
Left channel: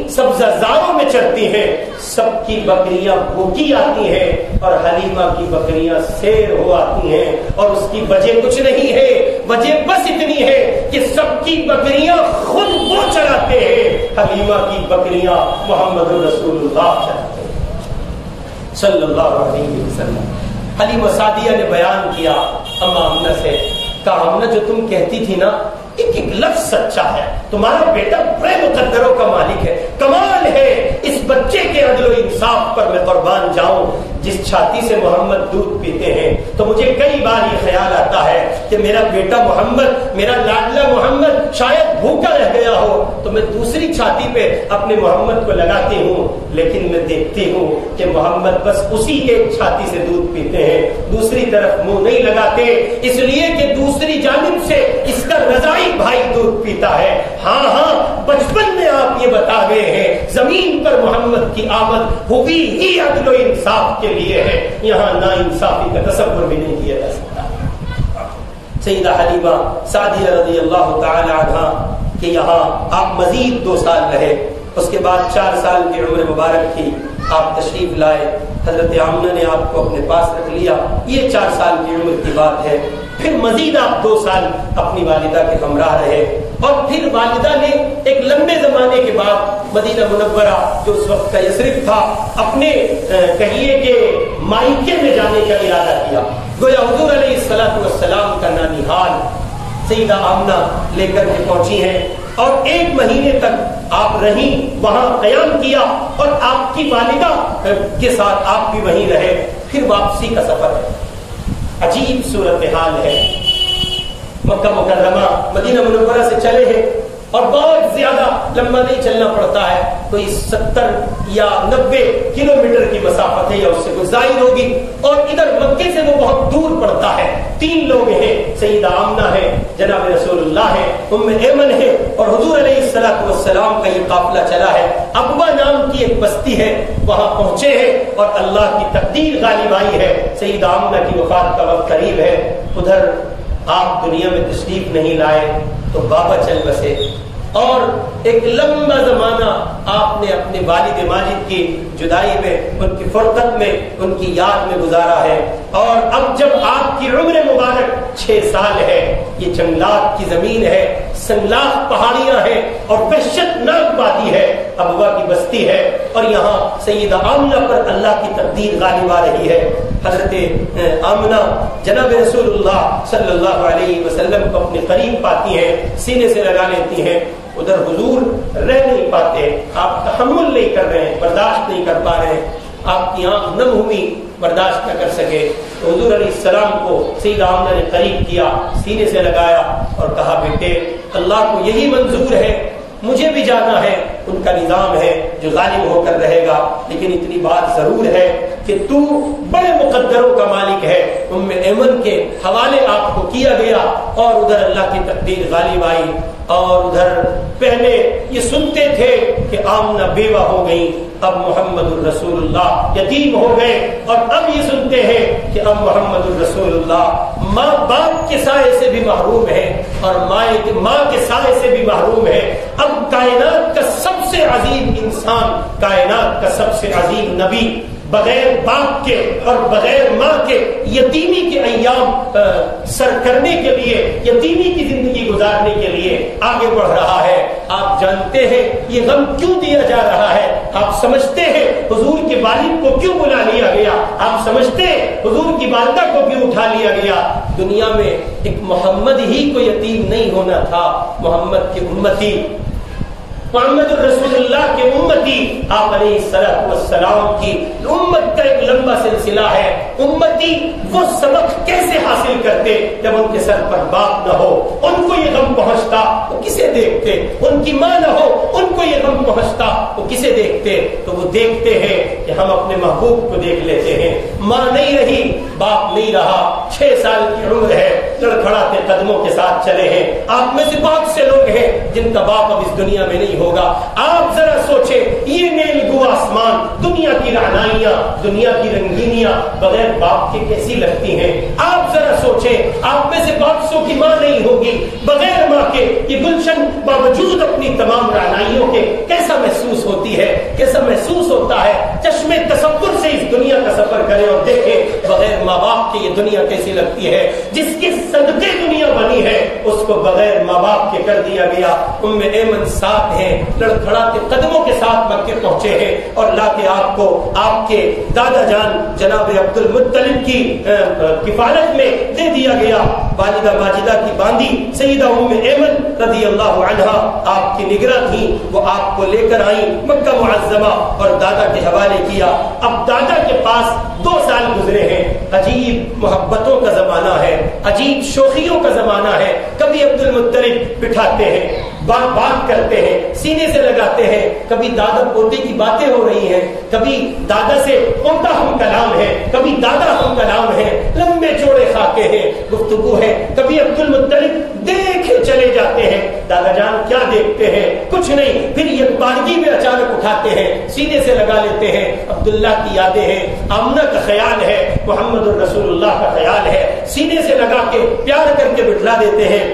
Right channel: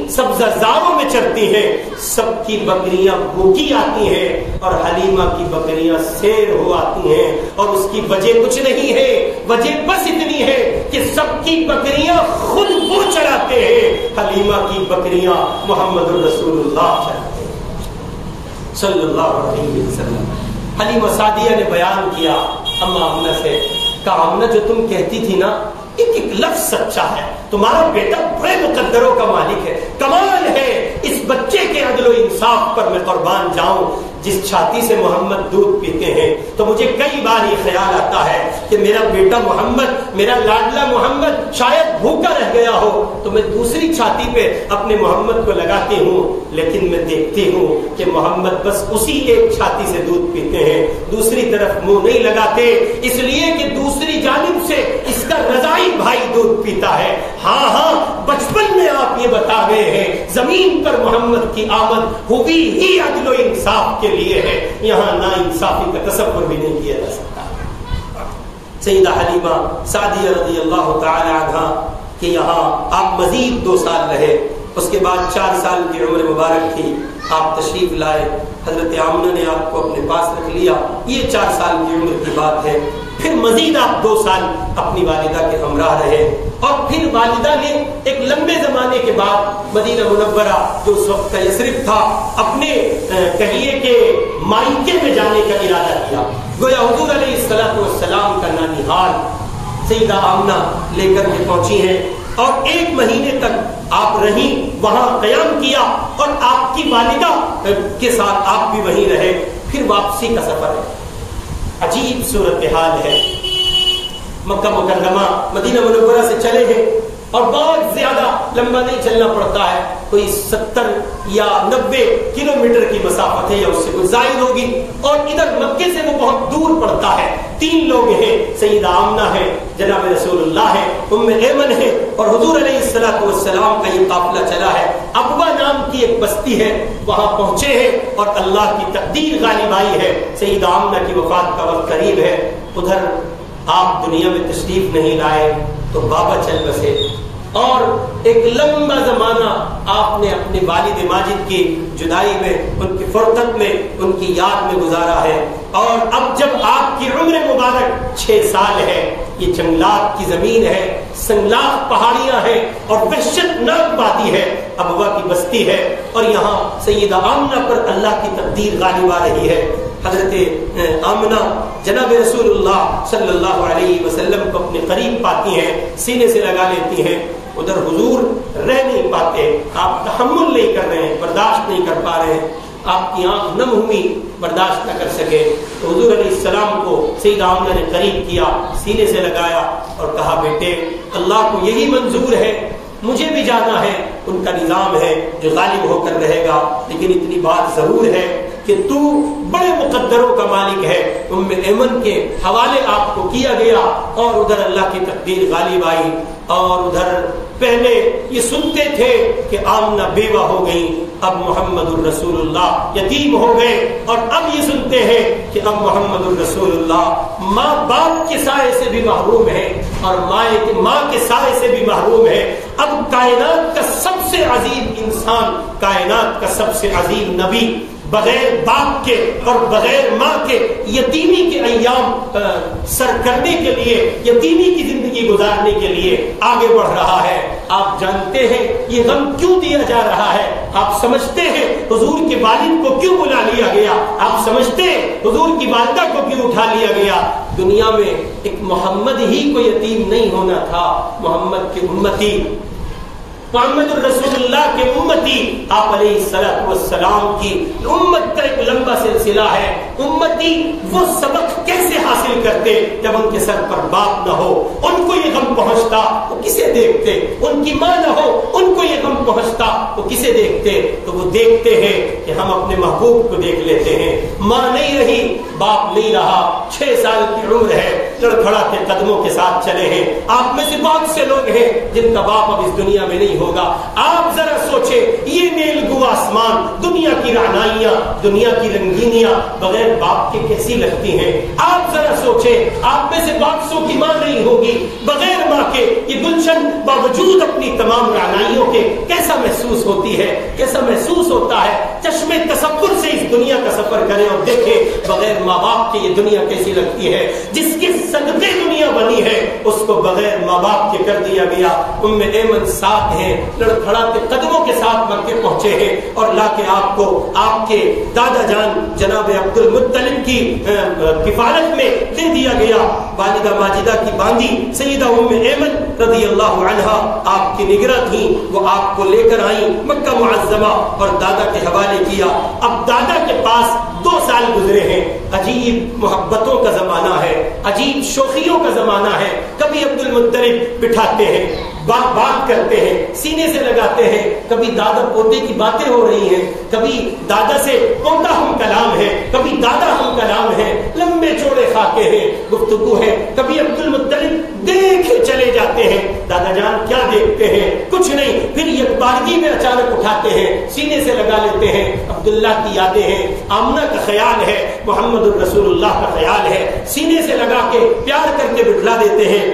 سبزہ زاروں میں چرتی ہیں، سب کی بکریاں بھوکی آتی ہیں، اور حلیمہ کی بکریاں سیر ہو آتی ہیں، اور اس کی وجہ کچھ نہیں ہے، وجہ بس اتنی ہے کہ سب کی بکریاں خود وہ چراتے ہیں، حلیمہ کی بکریاں محمد رسول اللہ چراتے ہیں۔ صلی اللہ علیہ وسلم. حلیمہ سعدیہ نے بیان کیا اما آمنہ سے، کہا آمنہ جو تم کہتی تھی نا ایک ایک لفظ سچا ہے، تمہارا بیٹا بڑے مقدروں کا مالک ہے، کمال ہے اس بچے کے عدل و انصاف پر میں قربان جاؤں. جس چھاتی سے محمد دودھ پیتے ہیں تو مجھے کئی بار یہ خیال آتا ہے کہ میرا بیٹا محمد، میرا لاڈلا محمد شاید بھوکا رہ گیا ہو تو میں دوسری چھاتی پہ اپنے محمد کو لگاتی ہوں، لیکن میں دیکھتی ہوں کہ محمد بس اسی ایک چھاتی سے دودھ پیتے ہیں، دوسری طرف منہ نہیں لگاتے، اس لیے کہ دوسری جانب سے اس کا رضائی بھائی دودھ پیتا ہے. ہاں ہاں بچپن میں آپ یہ بتا گئے ہیں زمین پر محمد کی آمد ہوئی ہی عدل و انصاف کے لیے ہے، یہاں نا انصافی کا تصور بھی نہیں کیا جا سکتا. سیدہ حلیمہ سعدیہ رضی اللہ تعالی عنہا کہ یہاں آپ مزید 2 سال رہے، اس کے بعد 4 سال کی عمر مبارک تھی، آپ تشریف لائے، حضرت آمنہ نے آپ کو اپنے پاس رکھ لیا، یہ 4 سال کی عمر کی بات ہے. پھر مزید آپ 2 سال اپنی والدہ کے ہمراہ رہے، اور پھر والدہ نے ایک لمبے زمانے کے بعد مدینہ منورہ جو اس وقت کا یثرب تھا اپنے کہیے کہ مائکے میں جانے کا ارادہ کیا. گویا حضور علیہ السلام کا نانیحال سیدہ آمنہ لے کر کے پہنچی ہیں، اور 1 مہینے تک آپ رہیں، وہاں قیام کیا، اور آپ کی والدہ کے ساتھ آپ بھی وہیں رہے. پھر واپسی کا سفر ہے، عجیب صورتحال ہے. مکہ مکرمہ مدینہ منورہ سے چلے ہیں اور بہت زیادہ لمبا نہیں چلنا پڑتا ہے، کوئی 70 یا 90 کلومیٹر کی مسافت ہے یا اس سے کچھ زائد ہوگی، اور ادھر مکے سے وہ بہت دور پڑتا ہے. 3 لوگ ہیں، سیدہ آمنہ ہے، جناب رسول اللہ ہے، ام ایمن ہے، اور حضور علیہ السلام کا یہ قافلہ چلا ہے. ابوا نام کی ایک بستی ہے، وہاں پہنچے ہیں اور اللہ کی تقدیر غالب آئی ہے، سیدہ آمنہ کی وفات کا وقت قریب ہے. ادھر آپ دنیا میں تشریف نہیں لائے تو بابا چل بسے، اور ایک لمبا زمانہ آپ نے اپنے والد ماجد کی جدائی میں، ان کی فرقت میں، ان کی یاد میں گزارا ہے. اور اب جب آپ کی عمر مبارک 6 سال ہے، یہ جنگلات کی زمین ہے، سنگلاخ پہاڑیاں ہیں اور وحشت ناک وادی ہے، ابوا کی بستی ہے، اور یہاں سیدہ آمنہ پر اللہ کی تقدیر غالب آ رہی ہے. حضرت آمنہ جناب رسول اللہ صلی اللہ علیہ وسلم کو اپنے قریب پاتی ہیں، سینے سے لگا لیتی ہیں. ادھر حضور رہ نہیں پاتے، آپ تحمل نہیں کر رہے ہیں، برداشت نہیں کر پا رہے ہیں، آپ کی آنکھ نم ہوئی، برداشت نہ کر سکے تو حضور علیہ السلام کو سیدہ آمنہ نے قریب کیا، سینے سے لگایا اور کہا بیٹے اللہ کو یہی منظور ہے، مجھے بھی جانا ہے، ان کا نظام ہے جو غالب ہو کر رہے گا، لیکن اتنی بات ضرور ہے کہ تو بڑے مقدروں کا مالک ہے. ام ایمن کے حوالے آپ کو کیا گیا، اور ادھر اللہ کی تقدیر غالب آئی. اور ادھر پہلے یہ سنتے تھے کہ آمنہ بیوہ ہو گئی، اب محمد الرسول اللہ یتیم ہو گئے، اور اب یہ سنتے ہیں کہ اب محمد الرسول اللہ ماں باپ کے سائے سے بھی محروم ہے، اور ماں کے سائے سے بھی محروم ہے. اب کائنات کا سب سے عظیم انسان، کائنات کا سب سے عظیم نبی بغیر باپ کے اور بغیر ماں کے یتیمی کے ایام سر کرنے کے لیے، یتیمی کی زندگی گزارنے کے لیے آگے بڑھ رہا ہے. آپ جانتے ہیں یہ غم کیوں دیا جا رہا ہے؟ آپ سمجھتے ہیں حضور کے والد کو کیوں بلا لیا گیا؟ آپ سمجھتے ہیں حضور کی والدہ کو کیوں اٹھا لیا گیا؟ دنیا میں ایک محمد ہی کو یتیم نہیں ہونا تھا. محمد کے امتی، محمد الرسول اللہ کے امتی، آپ علیہ السلام کی امت کا ایک لمبا سلسلہ ہے. امتی وہ سبق کیسے حاصل کرتے جب ان کے سر پر باپ نہ ہو؟ ان کو یہ غم پہنچتا وہ کسے دیکھتے؟ ان کی ماں نہ ہو، ان کو یہ غم پہنچتا وہ کسے دیکھتے؟ تو وہ دیکھتے ہیں کہ ہم اپنے محبوب کو دیکھ لیتے ہیں. ماں نہیں رہی، باپ نہیں رہا، 6 سال کی عمر ہے، لڑکھڑاتے قدموں کے ساتھ چلے ہیں. آپ میں سے بہت سے لوگ ہیں جن کا باپ اب اس دنیا میں نہیں ہوگا. آپ ذرا سوچیں یہ نیل گو آسمان، دنیا کی رعنائیاں، دنیا کی رنگینیاں بغیر باپ کے کیسی لگتی ہیں؟ آپ ذرا سوچیں آپ میں سے بہت سو کی ماں نہیں ہوگی، بغیر ماں کے یہ گلشن باوجود اپنی تمام رعنائیوں کے کیسا محسوس ہوتی ہے، کیسا محسوس ہوتا ہے. چشمے تصور سے اس دنیا کا سفر کریں اور دیکھیں بغیر ماں باپ کے یہ دنیا کیسی لگتی ہے. جس کے صدقے دنیا بنی ہے اس کو بغیر ماں باپ کے کر دیا گیا. ام ایمن ساتھ ہیں, لڑکھڑاتے قدموں کے ساتھ مکے پہنچے ہیں اور لا کے آپ کو آپ کے دادا جان جناب عبد المطلب کی کفالت میں دے دیا گیا. والدہ ماجدہ کی باندی سیدہ ام ایمن رضی اللہ عنہا آپ کی نگراں تھیں, وہ آپ کو لے کر آئیں مکہ معظمہ اور دادا کے حوالے کیا. اب دادا کے پاس 2 سال گزرے ہیں. عجیب محبتوں کا زمانہ ہے, عجیب شوخیوں کا زمانہ ہے. کبھی عبد المطلب بٹھاتے ہیں, بات کرتے ہیں, سینے سے لگاتے ہیں. کبھی دادا پوتے کی باتیں ہو رہی ہیں, کبھی دادا سے پوتا ہم کلام ہے, کبھی دادا ہم کلام ہے. لمبے چوڑے خاکے ہیں, گفتگو ہے. کبھی عبد المطلب دیکھے چلے جاتے ہیں. دادا جان کیا دیکھتے ہیں؟ کچھ نہیں. پھر یکبارگی میں اچانک اٹھاتے ہیں, سینے سے لگا لیتے ہیں. عبداللہ کی یادیں ہیں, آمنہ کا خیال ہے, محمد الرسول اللہ کا خیال ہے. سینے سے لگا کے پیار کر کے بٹھلا دیتے ہیں.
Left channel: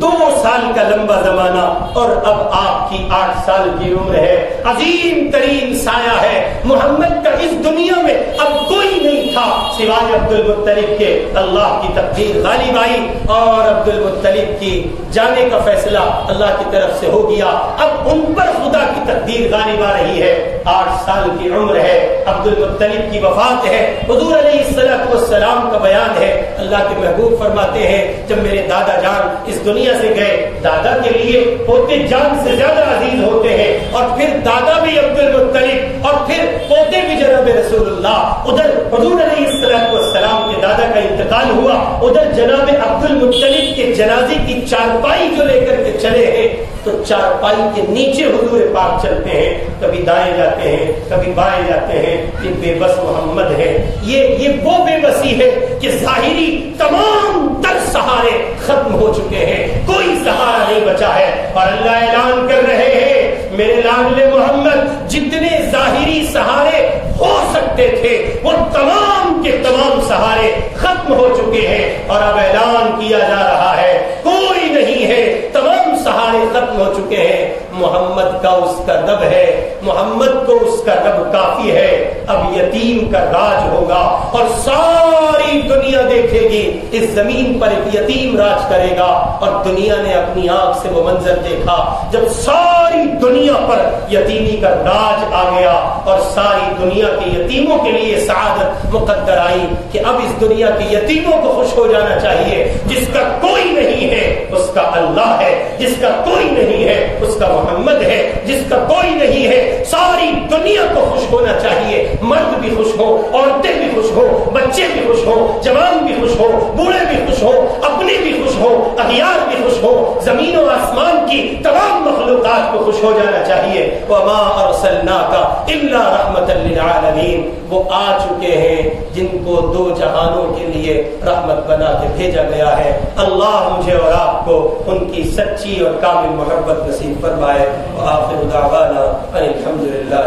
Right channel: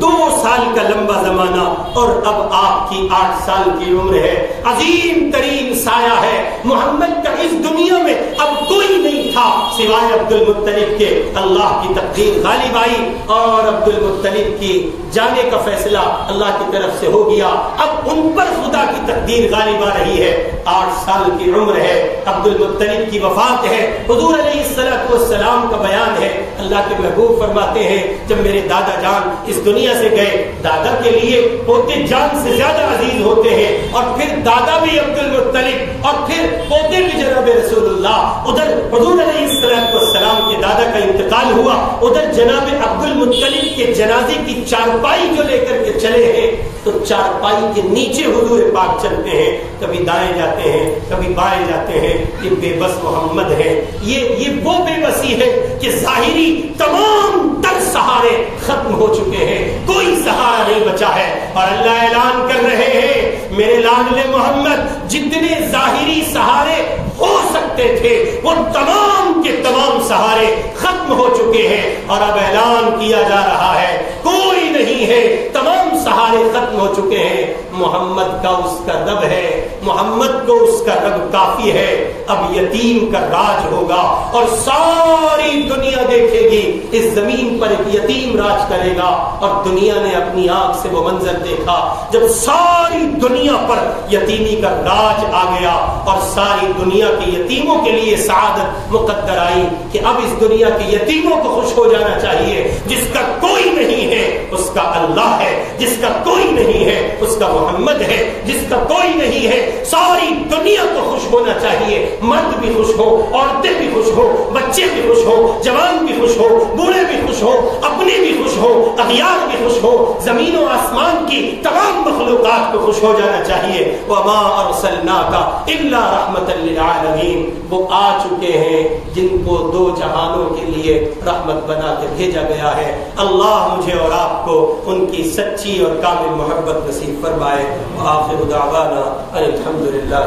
2 سال کا لمبا زمانہ اور اب آپ کی 8 سال کی عمر ہے. عظیم ترین سایہ ہے محمد کا اس دنیا میں. اب کوئی نہیں تھا سوائے عبد المطلب کے. اللہ کی تقدیر غالب آئی اور عبد المطلب کی جانے کا فیصلہ اللہ کی طرف سے ہو گیا. اب ان پر خدا کی تقدیر غالب آ رہی ہے. 8 سال کی عمر ہے, عبد المطلب کی وفات ہے. حضور علیہ الصلوۃ والسلام کا بیان ہے, اللہ کے محبوب فرماتے ہیں جب میرے دادا جان اس دنیا سے گئے, دادا کے لیے پوتے جان سے زیادہ عزیز ہوتے ہیں, اور پھر دادا بھی عبد المطلب اور پھر پوتے بھی جناب رسول اللہ. ادھر حضور علیہ الصلوۃ والسلام کے دادا کا انتقال ہوا, ادھر جناب عبد المطلب کے جنازے کی چارپائی جو لے کر کے چلے ہیں تو چارپائی کے نیچے حضور پاک چلتے ہیں, کبھی دائیں جاتے ہیں, کبھی بائیں جاتے ہیں. یہ بے بس محمد ہے. یہ وہ بے بسی ہے کہ ظاہری تمام تر سہارے ختم ہو چکے ہیں, کوئی سہارا نہیں بچا ہے. اور اللہ اعلان کر رہے ہیں میرے لاڈلے محمد جتنے ظاہری سہارے ہو سکتے تھے وہ تمام کے تمام سہارے ختم ہو چکے ہیں. اور اب اعلان کیا جا رہا ہے کوئی نہیں ہے, تمام سہارے ختم ہو چکے ہیں. محمد کا اس کا رب ہے, محمد کو اس کا رب کافی ہے. اب یتیم کا راج ہوگا اور ساری دنیا دیکھے گی اس زمین پر ایک یتیم راج کرے گا. اور دنیا نے اپنی آنکھ سے وہ منظر دیکھا جب ساری دنیا پر یتیمی کا راج آ گیا اور ساری دنیا کے یتیموں کے لیے سعادت مقدر آئی کہ اب اس دنیا کے یتیموں کو خوش ہو جانا چاہیے. جس کا کوئی نہیں ہے اس کا اللہ ہے, جس کا کوئی نہیں ہے اس کا محمد ہے, جس کا کوئی نہیں ہے. ساری دنیا کو خوش ہونا چاہیے. مرد بھی خوش ہو, عورتیں بھی خوش ہو, بچے بھی خوش ہو, جوان بھی خوش ہو, بوڑھے بھی خوش ہو, اپنے بھی خوش ہو, اغیار بھی خوش ہو. زمین و آسمان کی تمام مخلوقات کو خوش ہو جانا چاہیے. وما ارسلناک الا رحمۃ للعالمین. وہ آ چکے ہیں جن کو 2 جہانوں کے لیے رحمت بنا کے بھیجا گیا ہے. اللہ مجھے اور آپ کو ان کی سچی اور کامل محبت نصیب فرمائے. وآخر دعوانا ان الحمد للہ.